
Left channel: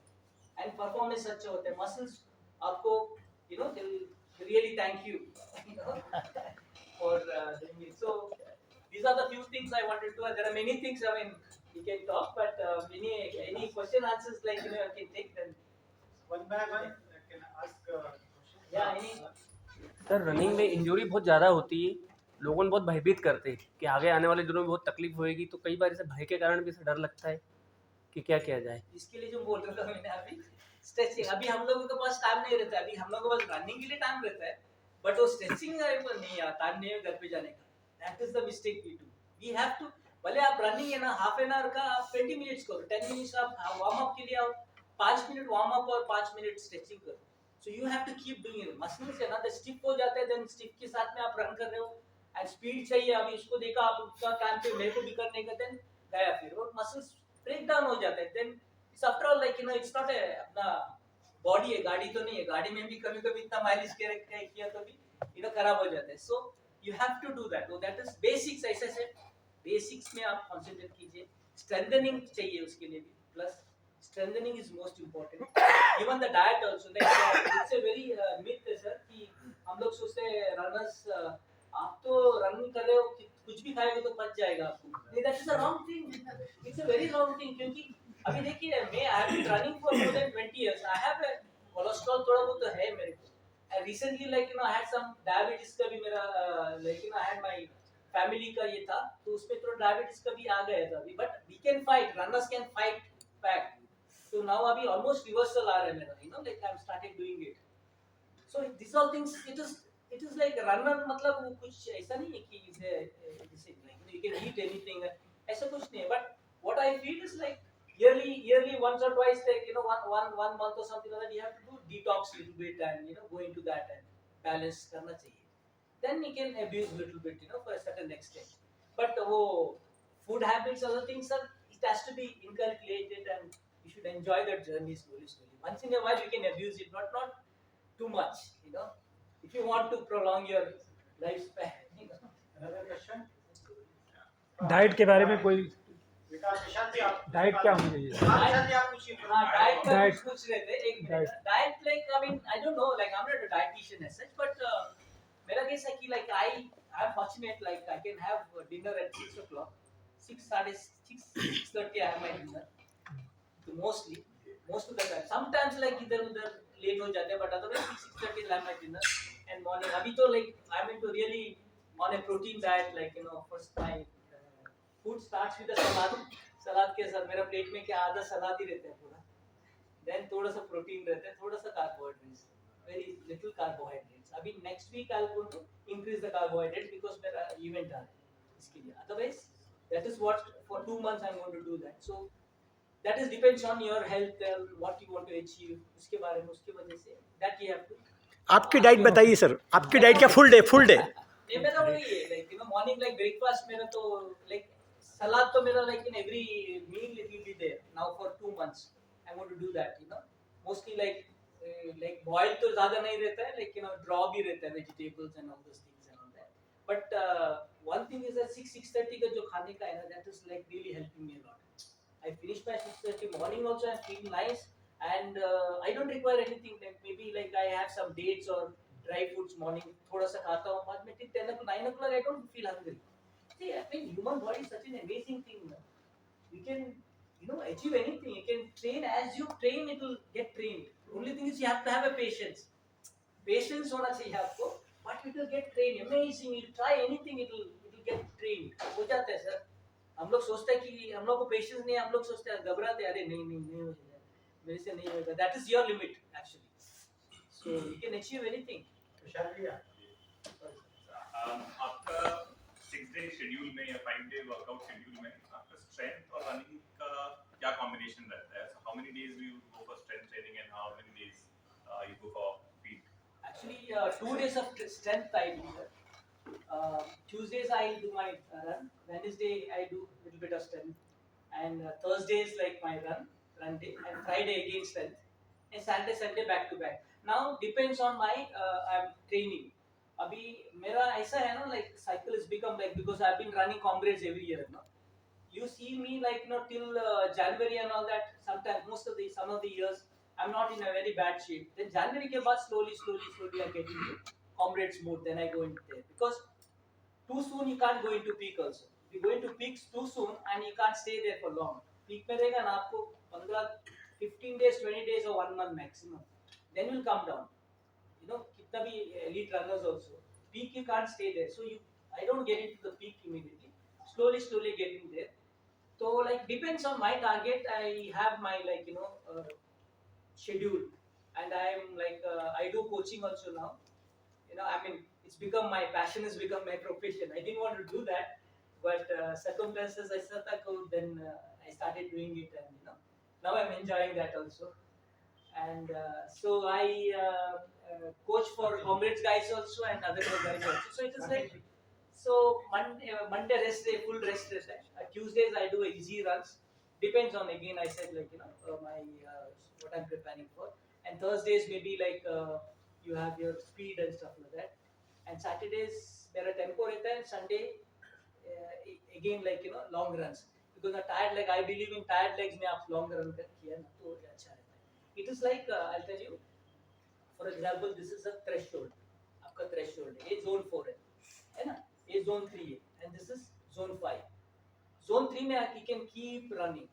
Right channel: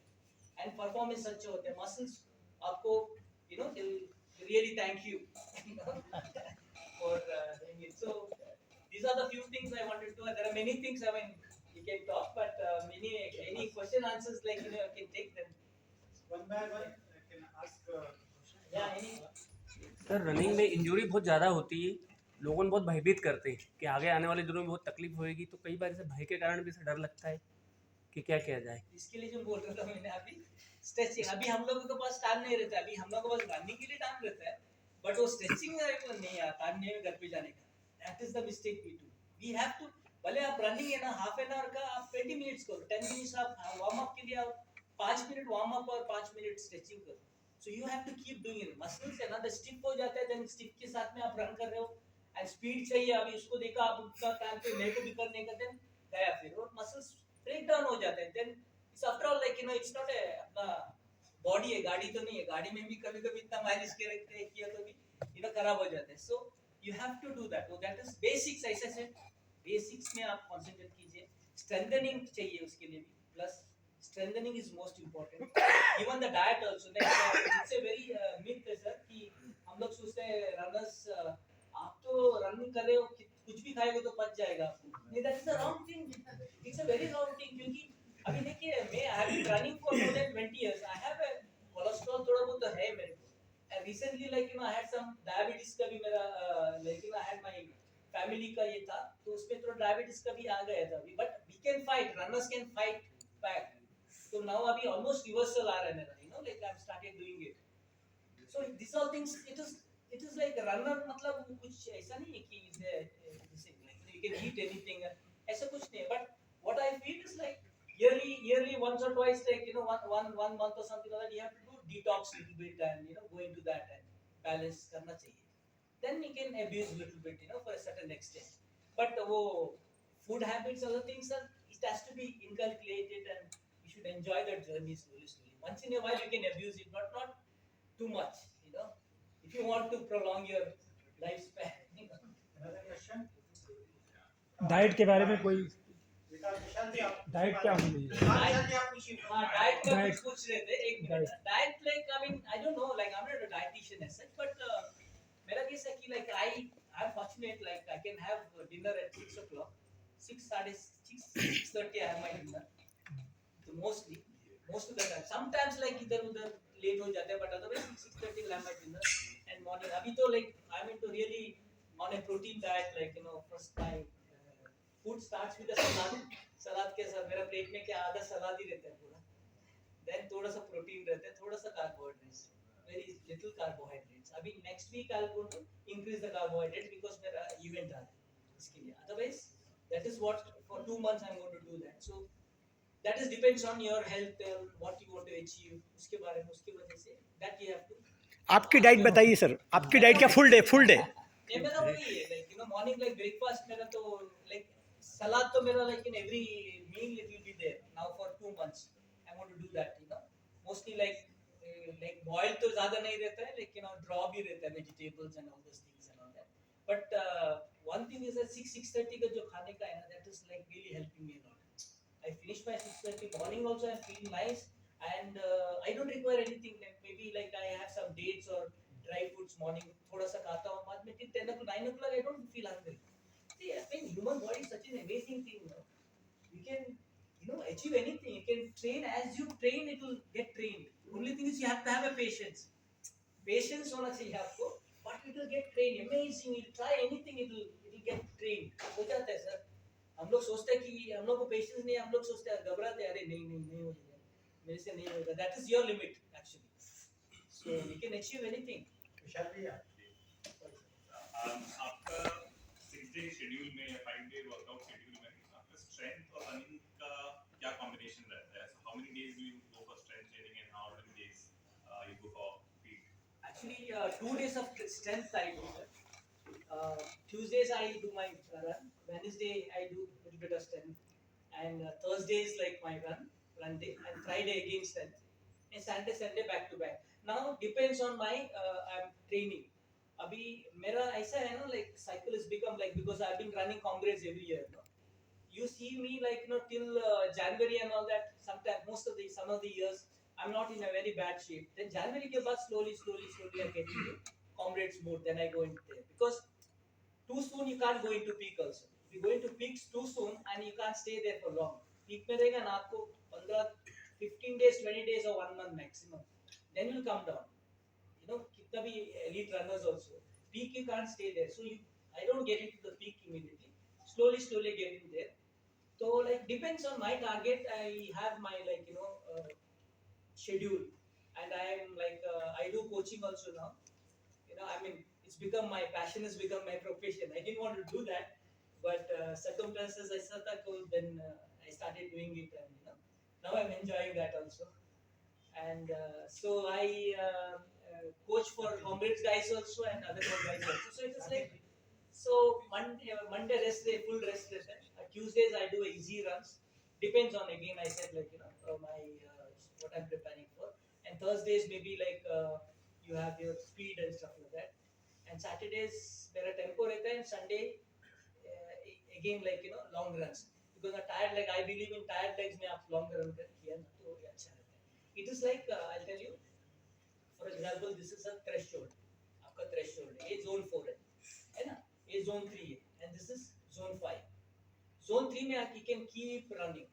and performance अच्छा होता है. Muscles आपको they will really thank you for doing it. So these are the few things I wanted to. There are many things. I mean you can talk, but any question answers like you can take then. One by one, can I ask question? Yeah, any. Sir running में injury बहुत ज़्यादा होती है, लोगों को बहुत भयभीत करते हैं कि आगे आने वाले दिनों में बहुत तकलीफ होएगी, तो कई बार ऐसे भय के कारण भी ऐसा डर लगता है कि क्या किया जाए। इसके लिए जो बोल रहा था मैंने अभी स्ट्रेचिंग, अभी हम लोगों के पास टाइम नहीं रहता है, अभी हम लोगों के पास रनिंग के लिए टाइम रहता है, बट वो स्ट्रेचिंग का एक नहीं आता, टाइम नहीं है घर पे जाने का। That is the mistake we do. We have to, भले आप रनिंग है ना हाफ एन आवर का आप 20 मिनट्स करो, 10 मिनट्स आप वार्म अप के लिए आप 5 मिनट वार्म अप और 5 मिनट स्ट्रेचिंग करो। So you have to keep doing it. Muscles है ना द स्टिफ हो जाते हैं, देन स्टिफ के साथ में आप रन कर रहे हो एंड स्पीड चाहिए, अभी उसको देखा आप उसका टाइम पे मेरे को भी करने का, देन गया फिर और मसल्स ब्रेक डाउन हो जाते हैं। Then it's after all like it's not a अपना बॉडी है, गाड़ी तो नहीं है, गाड़ी में भी कभी कभी इतना माइलेज किया तो भी खराब हो जाता है। So you have to do that, that is basics. ऐसे से बेसिक्स में आप कंसंट्रेट कीजिए, स्ट्रेंथनिंग चाहिए उसके लिए भी, plus strengthening is most important. Even the diet also, it's a very myth है सर कि हम लोग सोचते हैं रनर्स आप तो रन कर रहे हो, कुछ भी खाएंगे तो पच जाएगा आपको, नहीं, that is a wrong thing, it's a very wrong thing. क्योंकि अभी देखिए मैं I have been running for more than 20 years, I have a cholesterol थोड़ा बहुत तो है मेरे को, and recently like I had some diabetes का भी मेरा like I had my family का ये था, तो उसमें थोड़ा डायबिटीज का भी आ गया था अभी, but we can fight, runners can fight back. So now अभी almost reversal आ रहा है मेरा, like I'm started doing it. So these all things, it is like runner, मतलब वो कुछ ऐसा नहीं है कि जैसे like you can eat anything, ऐसा कुछ नहीं है, but what I feel is like yearly once or twice, like one month or something like that, you have to do detox little bit and go into that and balance करना चाहिए, then you can abuse little bit for a certain extent, but वो food habits, other things are, it has to be inculcated and you should enjoy that journey slowly. Once in a while you can abuse it, not too much. If you want to prolong your lifespan. Another question? Diet के बारे में कोई बेटा निशांत जी आप diet क्या होनी चाहिए? निशांत जी आप पूछिए। हाँ, डाइट का Diet. कुछ पूछ रहे थे, एक मिनट। Diet. Diet like I mean I don't know, like I am not a dietitian as such, but मेरा कैसा है कि like I am fortunate, like I can have dinner at 6 o'clock, 6:30 I have my dinner, तो most of the time, sometimes like इधर उधर late हो जाते हैं, but otherwise 6:30 I have my dinner and morning। अभी तो like I'm into really on a protein diet, like first my food starts with a सलाद के साथ मेरा प्लेट में क्या आधा सलाद ही रहता है पूरा, देन थोड़ा सा प्रोटीन रहता है, थोड़ा सा कार्बोहाइड्रेट्स, वेरी लिटिल कार्बोहाइड्रेट्स। अभी next week I will go to increase the carbohydrate because मेरा इवेंट आ रहा है इसके लिए, otherwise that is what for 2 months I am going to do that. So that is depends on your health and what you want to achieve, उसके बारे में, उसकी वजह से that you have to। आपकी डाइट बताइए सर, आपकी diet क्या फुल डे? नहीं, मेरा वही है, like morning like breakfast मेरा तो like सलाद तो मेरा like in every meal it will be there now for 2 months I want to do that, mostly like boil तो ज्यादा नहीं रहता है, like draw भी रहता है vegetables and all those things and all that, but one thing is that 6:30 का जो खाने का है ना, that is like really helping me a lot। I finish by 6:30 morning also, I feel nice and I don't require anything, like maybe like I have some dates or dry fruits morning, थोड़ा सा खाता हूँ, बाद में till 10 o'clock 9 o'clock I don't feel hungry। See, I mean human body is such an amazing thing, you can achieve anything, you can train, as you train it will get trained, only thing is you have to have a patience होना चाहिए आपको, but it will get trained, amazing, you try anything, it will get trained, हो जाता है sir. हम लोग सोचते हैं कि हम लोग को पेशेंस नहीं है, हम लोग सोचते हैं घबराते हैं, अरे नहीं हो जाएगा, मेरे से नहीं होगा, that is your limit actually, so you can achieve anything. Vishal भैया आपका 6-day शेड्यूल में या 5-day वर्कआउट शेड्यूल में आपका स्ट्रेंथ और रनिंग का क्या कॉम्बिनेशन रहता है? So how many days do you go for strength training and how many days you go for speed? Actually 2 days of strength I do, sir। Tuesdays I do my run, Wednesday I do little bit of strength, and Thursday is like my run day, and Friday again strength, and Saturday Sunday back to back। Now depends on my I'm training। अभी मेरा ऐसा है ना, like cycle has become like, because I've been running comrades every year, you see me like till January and all that, sometimes some of the years I'm not in a very bad shape, then January के बाद slowly I get into comrades mode, then I go into there, because too soon you can't go into peak also, you go into peaks too soon and you can't stay there for long. Peak में रहेगा ना आपको 15 days, 20 days or 1 month maximum. Then you'll come down. You know, कितना भी elite runners also. Peak you can't stay there. So I don't get into the peak immediately. Slowly getting there. So like depends on my target. I have my schedule, and I'm I do coaching also now. You know, I mean, it's become my passion, has become my profession. I didn't want to do that, but circumstances I said that then I started doing it, and now I'm enjoying that also. And so I coach for comrades guys also and other guys also. So it is like Monday rest day, full rest day. Tuesdays I do easy runs. Depends on, again I said, my what I'm preparing for. And Thursdays maybe you have your speed and stuff like that. And Saturdays there are tempo rehta hai, and Sunday again long runs, because a tired leg, I believe in tired legs में आप long run किया ना तो अच्छा रहता है. It is like I'll tell you, for example, this is a threshold. आपका threshold है, ये zone 4 है ना, ये zone 3 है, and this is zone 5. Zone 3 में you can keep running.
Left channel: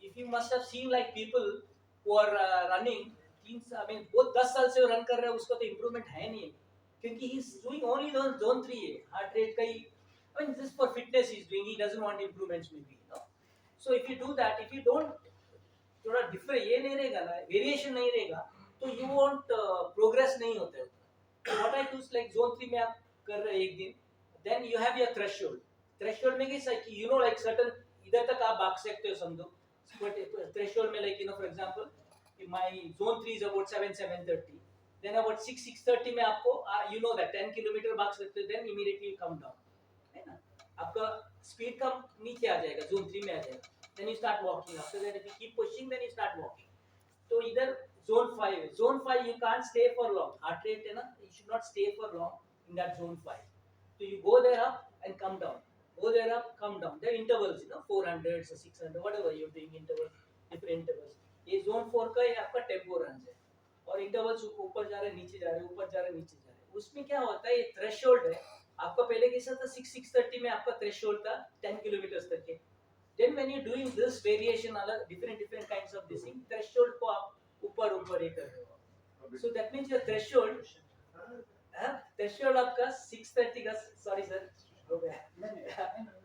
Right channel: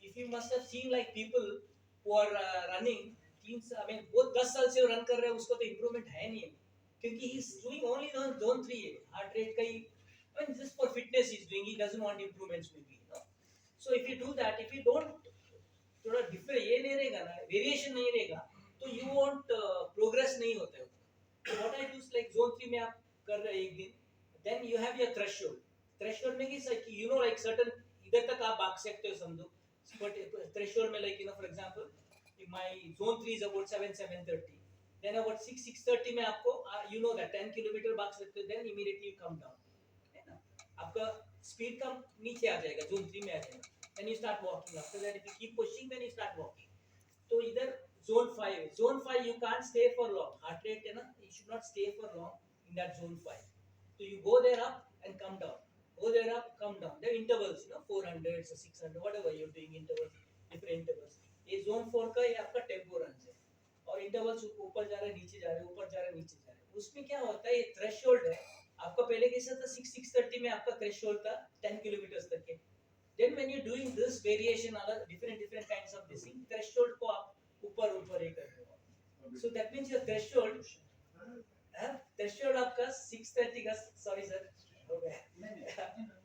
If you must have seen like people who are running, I mean बहुत 10 साल से वो run कर रहे हैं, उसको तो improvement है नहीं, क्योंकि he's doing only zone 3 है, heart rate का ही, I mean just for fitness he's doing, he doesn't want improvements maybe, So if you do that, if you don't थोड़ा different ये नहीं रहेगा ना, variation नहीं रहेगा, तो you won't progress नहीं होते हो. What I do is like zone 3 में आप कर रहे एक दिन, then you have your threshold. Threshold में कैसा कि like certain इधर तक आप भाग सकते हो समझो. But threshold में for example, if my zone 3 is about 7:30, then about 6:30 में आपको that 10 kilometer भाग सकते हो, then immediately you come down, है ना? आपका speed कम नीचे आ जाएगा, zone 3 में आ जाएगा. Then you start walking. After that, if you keep pushing, then you start walking. So either zone 5 you can't stay for long. Heart rate है ना, you should not stay for long in that zone 5. So you go there up and come down. Go there up, come down. There are intervals, 400 or 600, whatever you're doing intervals, different intervals. ये zone 4 का ये आपका tempo runs है, और intervals ऊपर जा रहे हैं, नीचे जा रहे हैं, ऊपर जा रहे हैं, नीचे जा रहे हैं. उसमें क्या होता है, ये threshold है. आपका पहले कैसा था, 6:30 में आपका threshold था 10 kilometers तक के. Then when you're doing this variation, other different kinds of this thing, threshold को आप ऊपर एक कर रहे हो. So that means your threshold, threshold आपका 6:30 का, sorry sir, हो गया.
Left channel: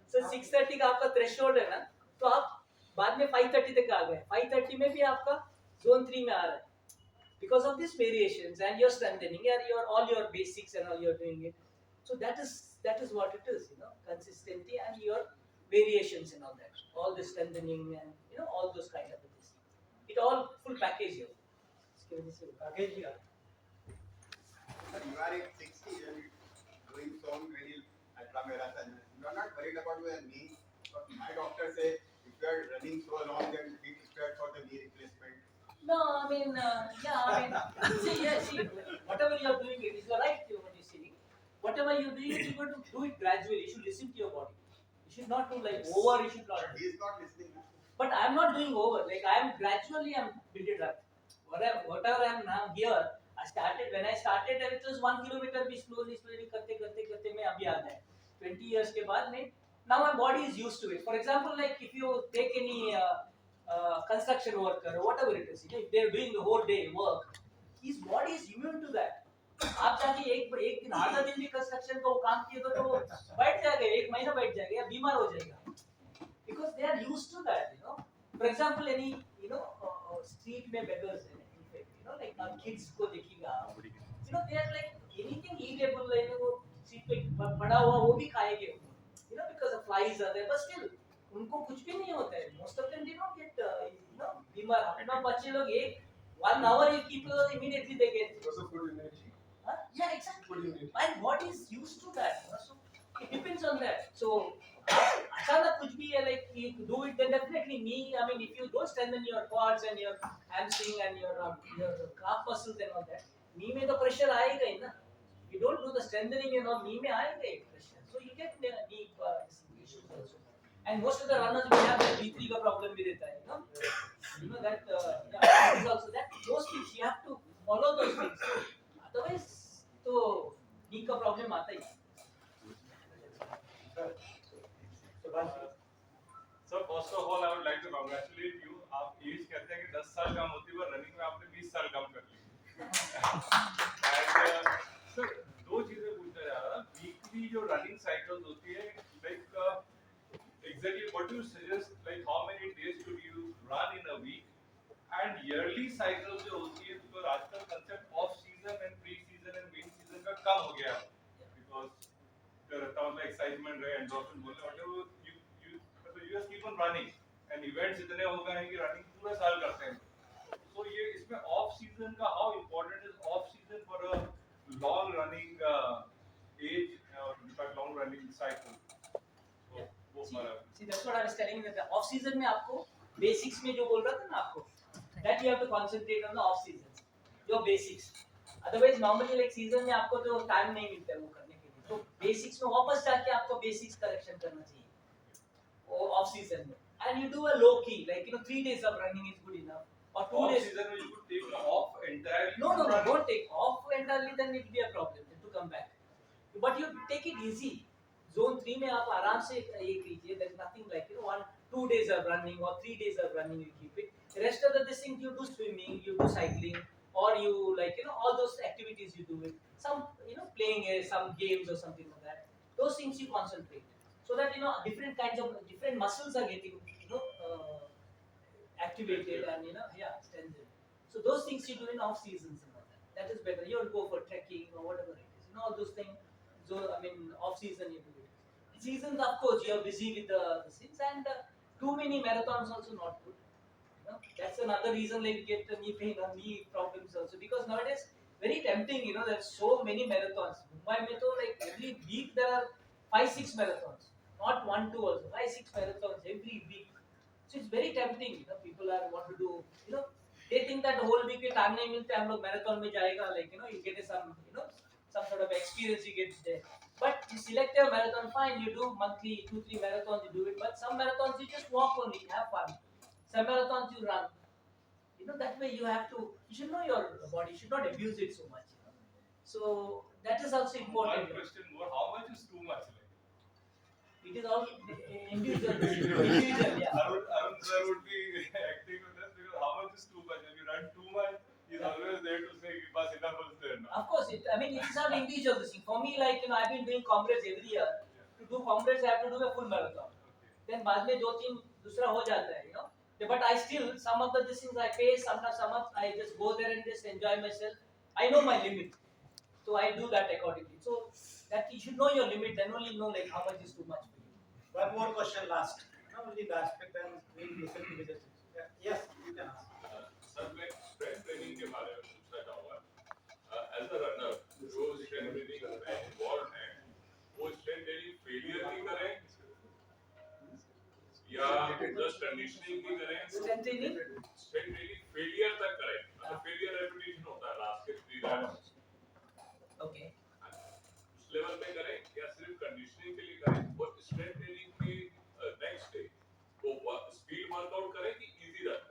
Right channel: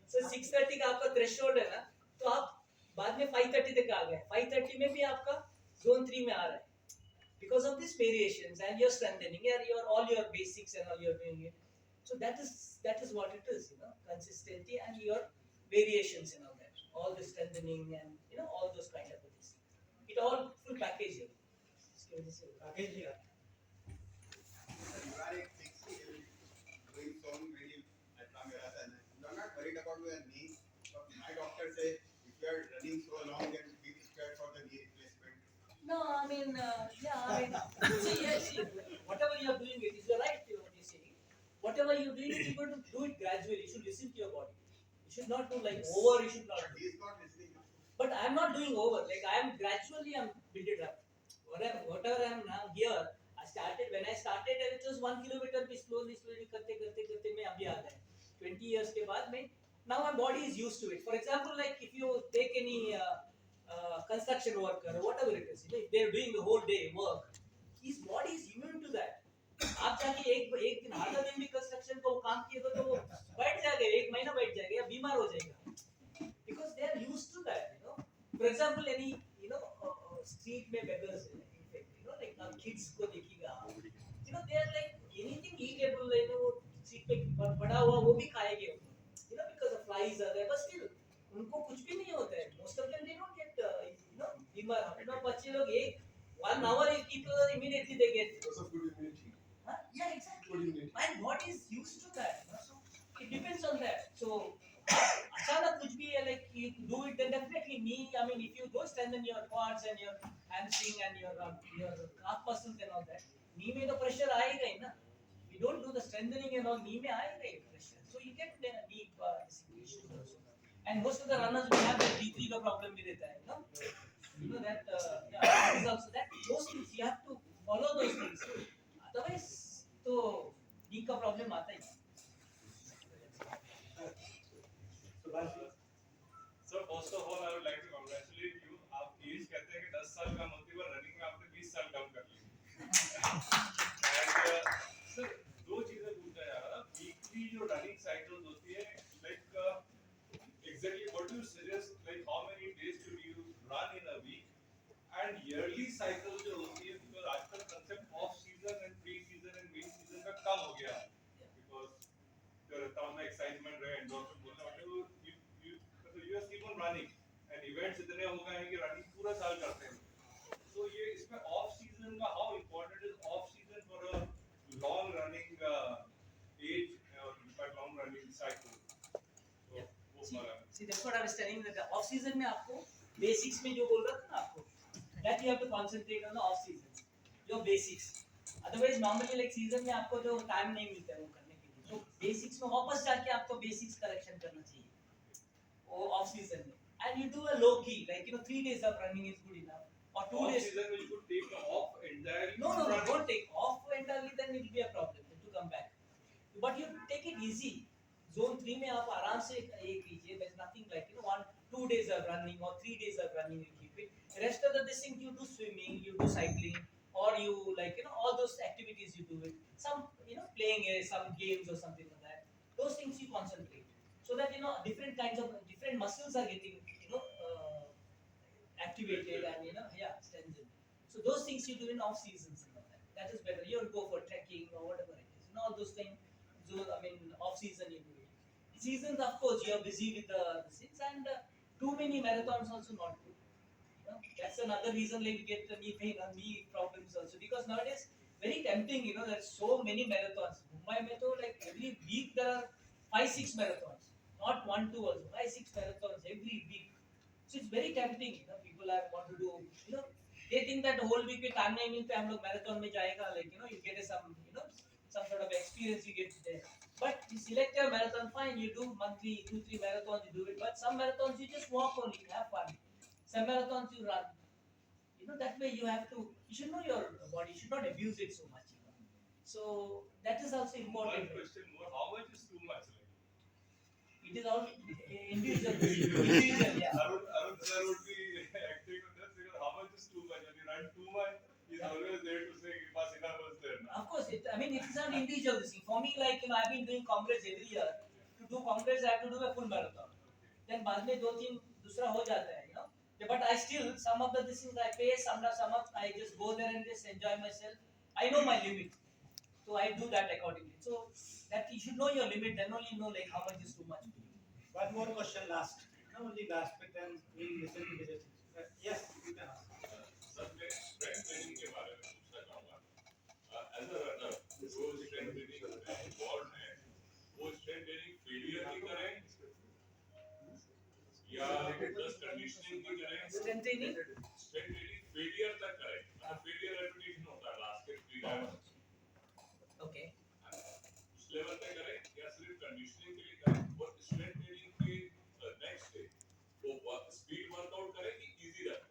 So 6:30 का आपका threshold है ना, तो आप बाद में 5:30 तक आ गए. 5:30 में भी आपका zone 3 में आ रहा है, because of these variations and you're strengthening, all your basics and all you're doing it. So that is what it is, consistency and your variations and all that, all the strengthening and all those kind of things. It all full package here. Package here. Sir, you are at 60 and doing so many ultra marathon. You are not worried about your knee. But my doctor say if you are running so long, then be prepared for the knee replacement. No, I mean, see, whatever you are doing, it is right. What you saying, whatever you doing, you got to do it gradually. You should listen to your body. You should not do like over. You should not. But he is not listening. But I am not doing over. Like I'm gradually, I'm build it up. Whatever I am now here, when I started, it was 1 kilometer. Be slowly करते मैं अभी आ गया. 20 years के बाद में, now my body is used to it. For example, like if you take any construction worker or whatever it is, if they're doing the whole day work, his body is immune to that. आप जाके एक दिन आधा दिन भी construction का वो काम किए तो बैठ जाएगा, 1 महीना बैठ जाएगा या बीमार हो जाएगा, because they are used to that. For example, any street में beggars है, like now kids को देखिएगा, they are like anything eatable, वो street पे पड़ा हुआ वो भी खाएंगे, because the flies are there, but still उनको कुछ भी नहीं होता है. Most of them they don't get बीमार. अपना बच्चे लोग 1 hour you keep immediately they get. Because of good immunity. Yeah, exactly. Good immunity. My body is used to that. So it depends on that. So अचानक कुछ भी है, like you do it, then definitely knee. I mean, if you don't strengthen your quads and your hamstring and your calf muscles and all that, knee में तो pressure आएगा ही ना. You don't do the strengthening and all, knee में आएगा ही pressure. So you get knee issues also. And most of the runners we have the D3 का problem भी रहता है, you know that that is also that. Those things you have to follow those things. Otherwise तो knee का problem आता ही. congratulate you. आप as कहते हैं कि 10 साल कम होती है, पर रनिंग में आपने 20 साल कम कर ली. And सर दो चीजें पूछना चाह रहा था. वीकली जो रनिंग साइकिल्स होती है, like exactly what do you suggest? Like how many days should you run in a week? And yearly cycles जो होती है, because आजकल concept off season and pre season and main season का कम हो गया है. Because there are tons of excitement रहे, endorphin बोलने whatever you just keep on running and events इतने हो गए हैं कि running पूरे साल करते हैं. So ये इसमें off season का how important is off season for a long running age or long running cycle? So वो हमारा See, that's what I was telling you, that off season में आपको basics में जो बोल रहा था ना आपको, that you have to concentrate on the off season, your basics. Otherwise normally like season में आपको जो time नहीं मिलता है वो करने के लिए, तो basics में वापस जाके आपको basics correction करना चाहिए, वो off season में. And you do a low key, like 3 days of running is good enough, or 2 off days. season में you could take off entirely. No, from running. don't take off entirely, then it will be a problem to come back. But you take it easy. Zone 3 में आप आराम से ये कीजिए. There's nothing like 1-2 days of running or 3 days of running, you keep it. The rest of the this thing you do swimming, you do cycling, or you all those activities you do it. Some playing some games or something like that. Those things you concentrate, so that different kinds of different muscles are getting activated and strengthened. So those things you do in off seasons and all that. That is better. You will go for trekking or whatever it is. All those things. So off season you do it. Seasons, of course, you are busy with the things, and too many marathons also not good. That's another reason like you get knee pain or knee problems also, because nowadays very tempting. There's so many marathons. Mumbai mein to like every week there are 5-6 marathons, not 1-2 also. 5-6 marathons every week. So it's very tempting. People are want to do. They think that whole week के time नहीं मिलते हम लोग marathon में जाएगा, like you get some sort of experience you get there. But you select your marathon, fine, you do monthly 2-3 marathons, you do it. But some marathons you just walk only, have fun. Some marathons you run. That way you should know your body, you should not abuse it so much. So that is also important. One question more: how much is too much? It is all individual. Individual, yeah. Arun sir would be acting on this, because how much is too much? When you run too much, he's always there to say, "Bas enough is there now." Of course, it is not individual thing. For me, like I've been doing Congress every year. To do Congress, I have to do a full marathon. Then बाद में 2-3 दूसरा हो जाता है, Yeah, but I still some of the things I pace, some I just go there and just enjoy myself. I know my limit, so I do that accordingly. So that you should know your limit, then only know like how much is too much for you. One more question last. Only the aspect and we listen to the judges. Yes, you can ask. Sir मैं strength training के बारे में पूछना चाहूँगा. As a runner, जो strength training में involved है, वो strength training failure की करें या just conditioning की करें? Strength training? Strength training failure तक करें. मतलब failure repetition होता है last के 3 rounds. Okay. उस लेवल पे करें या सिर्फ कंडीशनिंग के लिए करें, और स्ट्रेंथ ट्रेनिंग के नेक्स्ट डे वो स्पीड वर्कआउट करें कि easy run?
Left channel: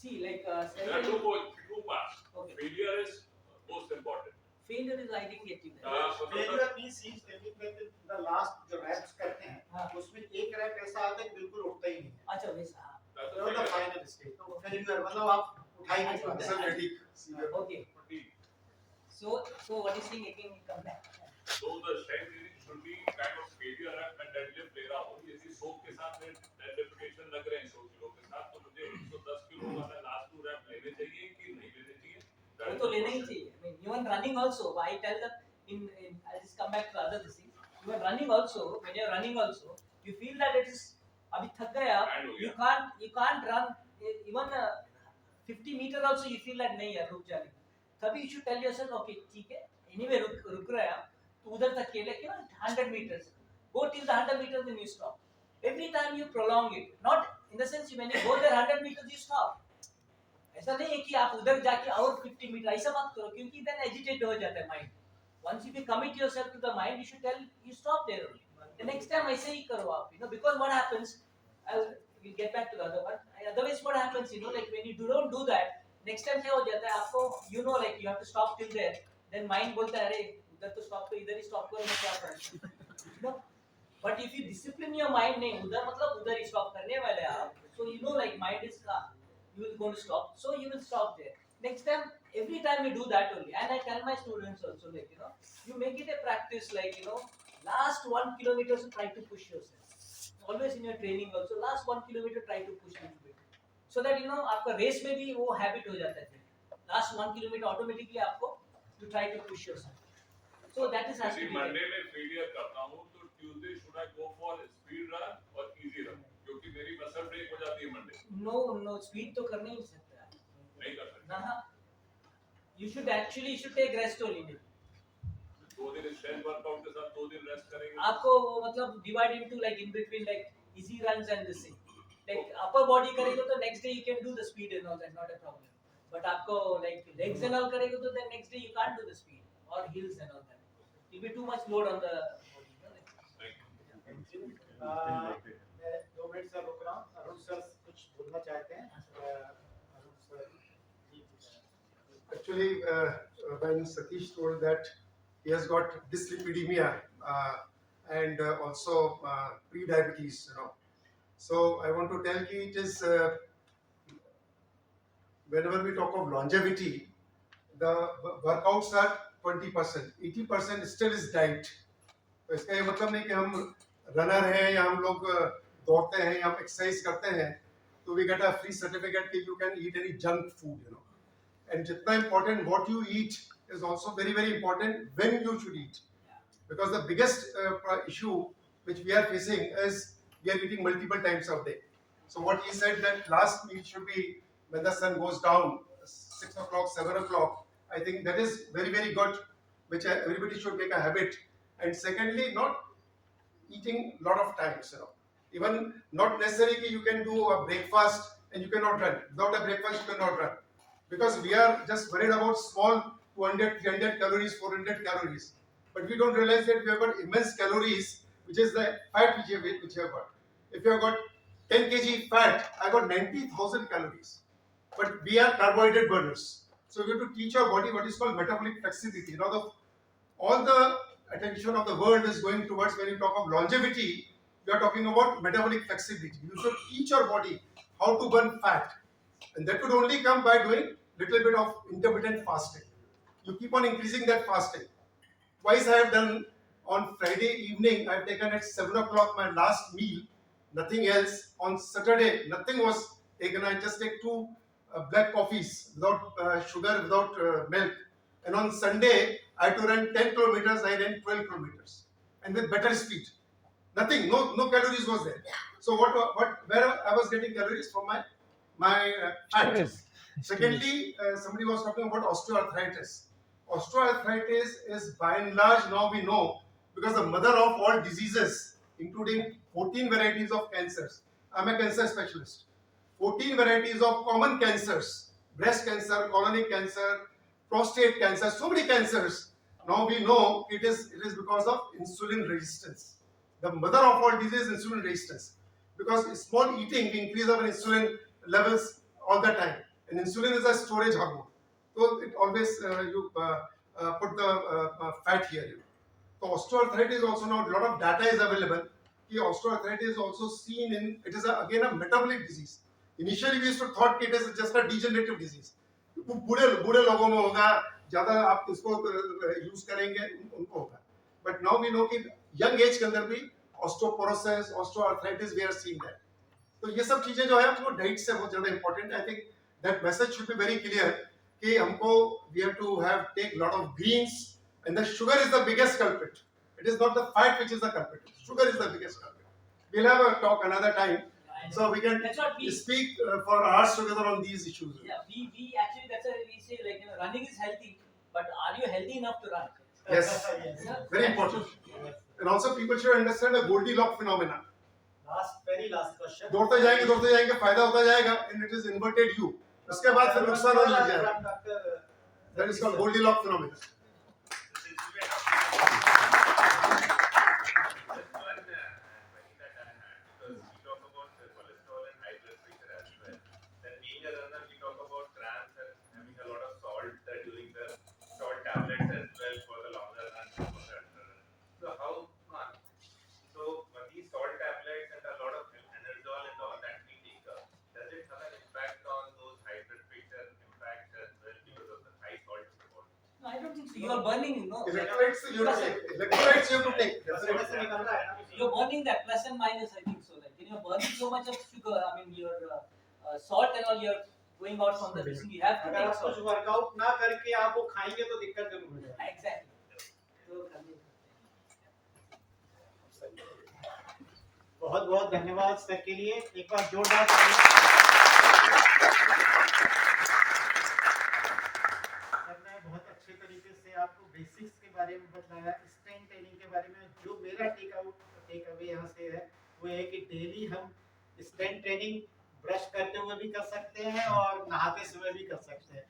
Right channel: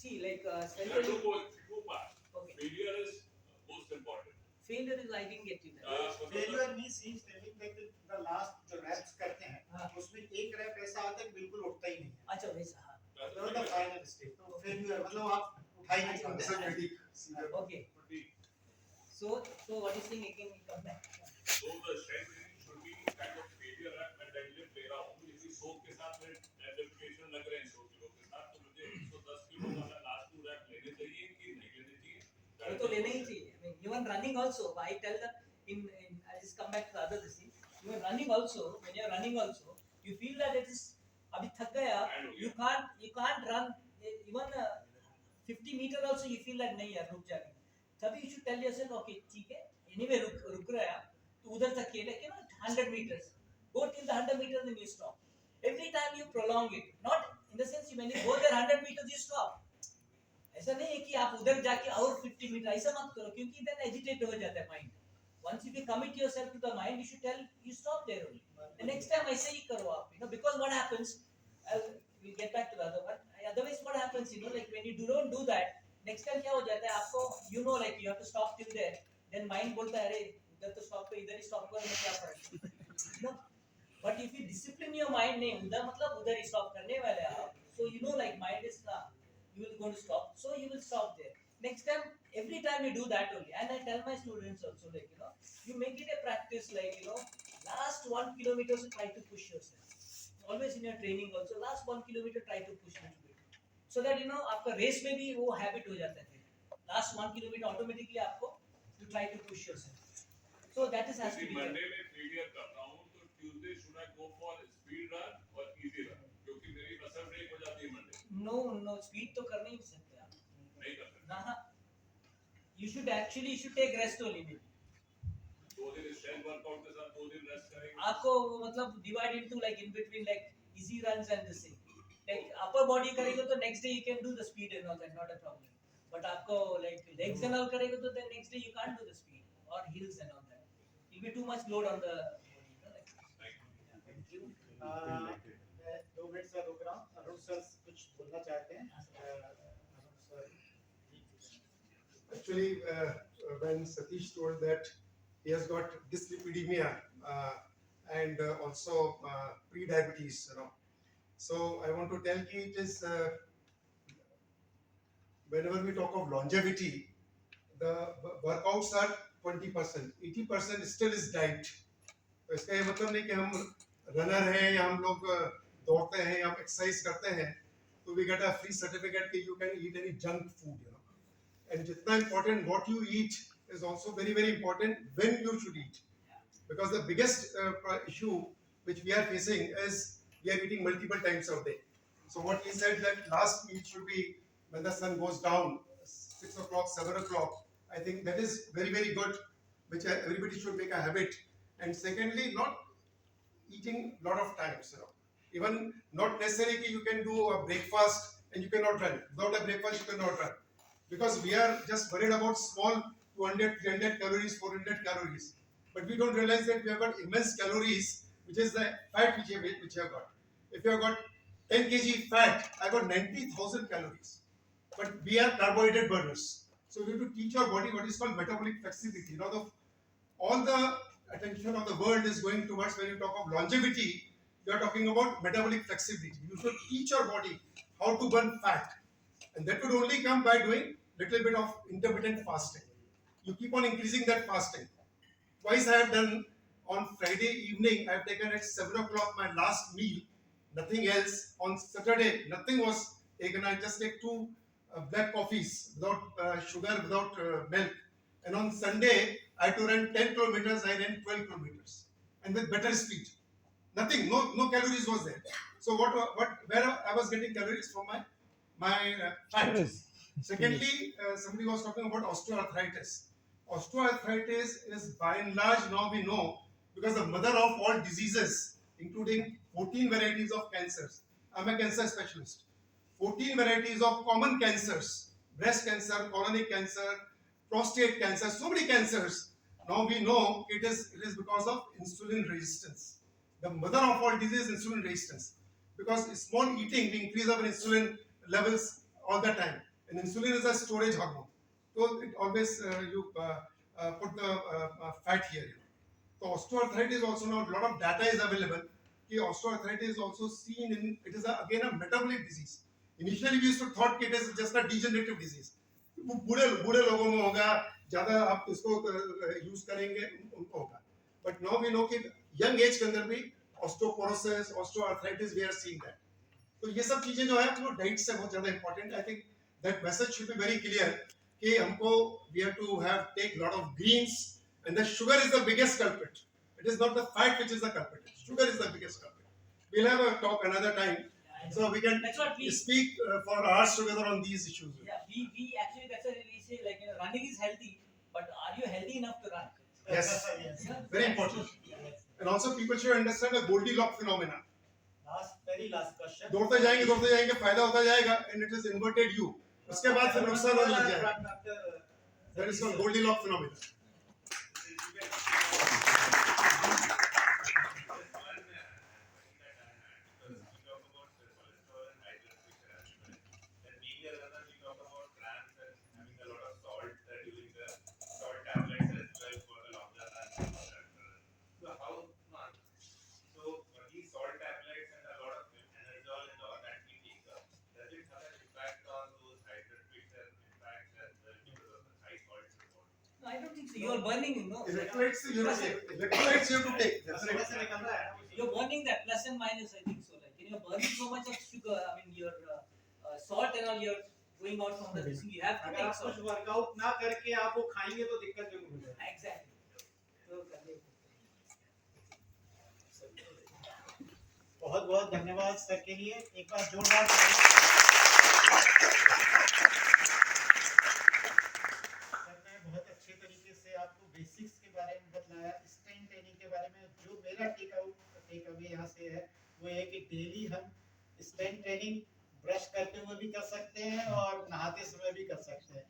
See, like There are two parts. Okay. Failure is most important. Failure is I didn't get it. Failure means he is telling that the last जो reps करते हैं, हाँ. उसमें एक rep ऐसा आता है कि बिल्कुल उठता ही नहीं है. अच्छा वैसा. हाँ. That's So a the failure. final stage. तो failure मतलब आप उठा ही नहीं पाते. Sir, fatigue. Okay. Fatigue. So what is saying again? Come back. So the strength training should be kind of failure rep and deadlift ले रहा हूँ. यदि सोप के साथ में dead repetition लग रहे हैं 100 किलो के साथ, तो मुझे 110 किलो वाला last 2 rep लेने चाहिए कि नहीं लेने चाहिए? वो तो लेना ही चाहिए. I mean, even running also, I tell them I'll just come back to the other thing. Even running also, when you're running also, you feel that it is अभी थक गया, you can't run even 50 meter also. You feel that नहीं यार रुक जाने. तभी you should tell yourself, okay ठीक है, anyway रुक रहा है, तो उधर तक के लेके 100 meters, go till the 100 meters then you stop. Every time you prolong it, not in the sense when you go there 100 meters you stop. ऐसा नहीं है कि आप उधर जाके और 50 मीटर ऐसा मत करो, क्योंकि then agitate हो जाता है mind. Once you commit yourself to the mind, you should tell you stop there only. The next time ऐसे ही करो आप, because what happens, we'll get back to the other one. Otherwise what happens, like when you don't do that, next time क्या हो जाता है आपको, like you have to stop till there, then mind बोलता है अरे उधर तो stop करो, इधर ही stop करो, मैं क्या करूँ? But if you discipline your mind, नहीं उधर मतलब उधर ही stop करने वाले आप, So you know, like mind is calm. You will go to stop. So you will stop there. Next time, every time you do that only. And I tell my students also, like, you make it a practice, like, last 1 kilometer, so try to push yourself. Always in your training also, last 1 kilometer try to push a little bit. So that आपका race में भी वो habit हो जाता है. Last 1 kilometer automatically आपको you try to push yourself. So that is has to यदि be there. Monday में फेलियर करता हूँ तो Tuesday should I go for speed run और इजी रन क्योंकि मेरी मसल ब्रेक हो जाती है मंडे. No, speed तो कर नहीं सकते आप. नहीं कर सकते. ना. You should take rest only. 2 दिन स्ट्रेंथ वर्कआउट के साथ 2 दिन रेस्ट करेंगे. आपको वो मतलब divide into like in between like easy runs and this thing. Like upper body करेंगे तो next day you can do the speed and all that, not a problem. But आपको like legs and all करेंगे तो then next day you can't do the speed or heels and all that. It will be too much load on the body. Thank you. मैं 2 minute sir रुक रहा हूँ. Arun sir कुछ बोलना चाहते हैं. Arun sir. Actually, when Satish told that he has got dyslipidemia and also pre-diabetes, so I want to tell you it is whenever we talk of longevity, the workouts are 20%, 80% still is diet. तो इसका ये मतलब नहीं कि हम runner हैं या हम लोग दौड़ते हैं या हम एक्सरसाइज करते हैं तो we get a free certificate कि you can eat any junk food, And जितना important what you eat is also very very important when you should eat, because the biggest issue which we are facing is we are eating multiple times a day. So what he said that last meal should be when the sun goes down, 6 o'clock, 7 o'clock. I think that is very very good, which everybody should make a habit. And secondly, not eating lot of times, Even not necessarily that you can do a breakfast and you cannot run. Without a breakfast you cannot run. Because we are just worried about small 200, 300 calories, 400 calories. But we don't realize that we have got immense calories, which is the fat which you have got. If you have got 10 kg fat, I got 90,000 calories. But we are carbohydrate burners. So we have to teach our body what is called metabolic flexibility. All the attention of the world is going towards, when you talk of longevity, you are talking about metabolic flexibility. You should teach your body how to burn fat. And that would only come by doing little bit of intermittent fasting. You keep on increasing that fasting. Twice I have done on Friday evening, I have taken at 7 o'clock my last meal, nothing else. On Saturday, nothing was taken. I just take 2 black coffees without sugar, without milk. And on Sunday, I had to run 10 kilometers, I ran 12 kilometers. And with better speed. Nothing, no calories was there. So where I was getting calories from my fat. Secondly, somebody was talking about osteoarthritis. Osteoarthritis is by and large, now we know, because the mother of all diseases, including 14 varieties of cancers. I'm a cancer specialist. 14 varieties of common cancers, breast cancer, colonic cancer, prostate cancer, so many cancers. Now we know it is because of insulin resistance. The mother of all disease is insulin resistance. Because small eating, we increase our insulin levels all the time. And insulin is a storage hormone. So it always you put the fat here. So osteoarthritis also, now a lot of data is available. Osteoarthritis is also seen in, it is again a metabolic disease. Initially we used to thought it is just a degenerative disease. बूढ़े लोगों में होगा, ज़्यादा आप इसको use करेंगे उनको होगा. But now we know कि young age के अंदर भी osteoporosis, osteoarthritis, we are seeing that. तो ये सब चीजें जो है वो डाइट से बहुत ज़्यादा important. I think that message should be very clear कि हमको we have to take lot of greens, and the sugar is the biggest culprit. It is not the fat which is the culprit. Sugar is the biggest culprit. We'll have a talk another time, so we can speak for hours together on these issues. Yeah, we actually, that's why we say like running is healthy, but are you healthy enough to run? Yes, very important. And also people should understand the Goldilocks phenomena. Very last question. दौड़ते जाएंगे फायदा होता जाएगा, and it is inverted U. उसके बाद फिर नुकसान होने लग जाएगा. That is called Goldilocks phenomena. So you are burning, you know. Electrolytes you have to take. Electrolytes you have to take. रसोई से निकल रहा है ना वो। You're burning that plus and minus, I think so. Like you're burning so much of sugar. I mean, your salt and all. You're going out from the this. You have to अगर take आप कुछ salt. Workout ना करके आप वो खाएंगे तो दिक्कत जरूर हो जाएगी। Exactly. तो करने बहुत बहुत धन्यवाद सर के लिए, एक बार जोरदार ताली। सर ने बहुत अच्छे तरीके से आपको बेसिक्स के बारे में बताया, स्ट्रेंथ ट्रेनिंग के बारे में। जो मेरा टेक अवे यहाँ से है वो है कि डेली हम स्ट्रेंथ ट्रेनिंग ब्रश करते हुए भी कर सकते हैं और नहाते समय भी कर सकते हैं।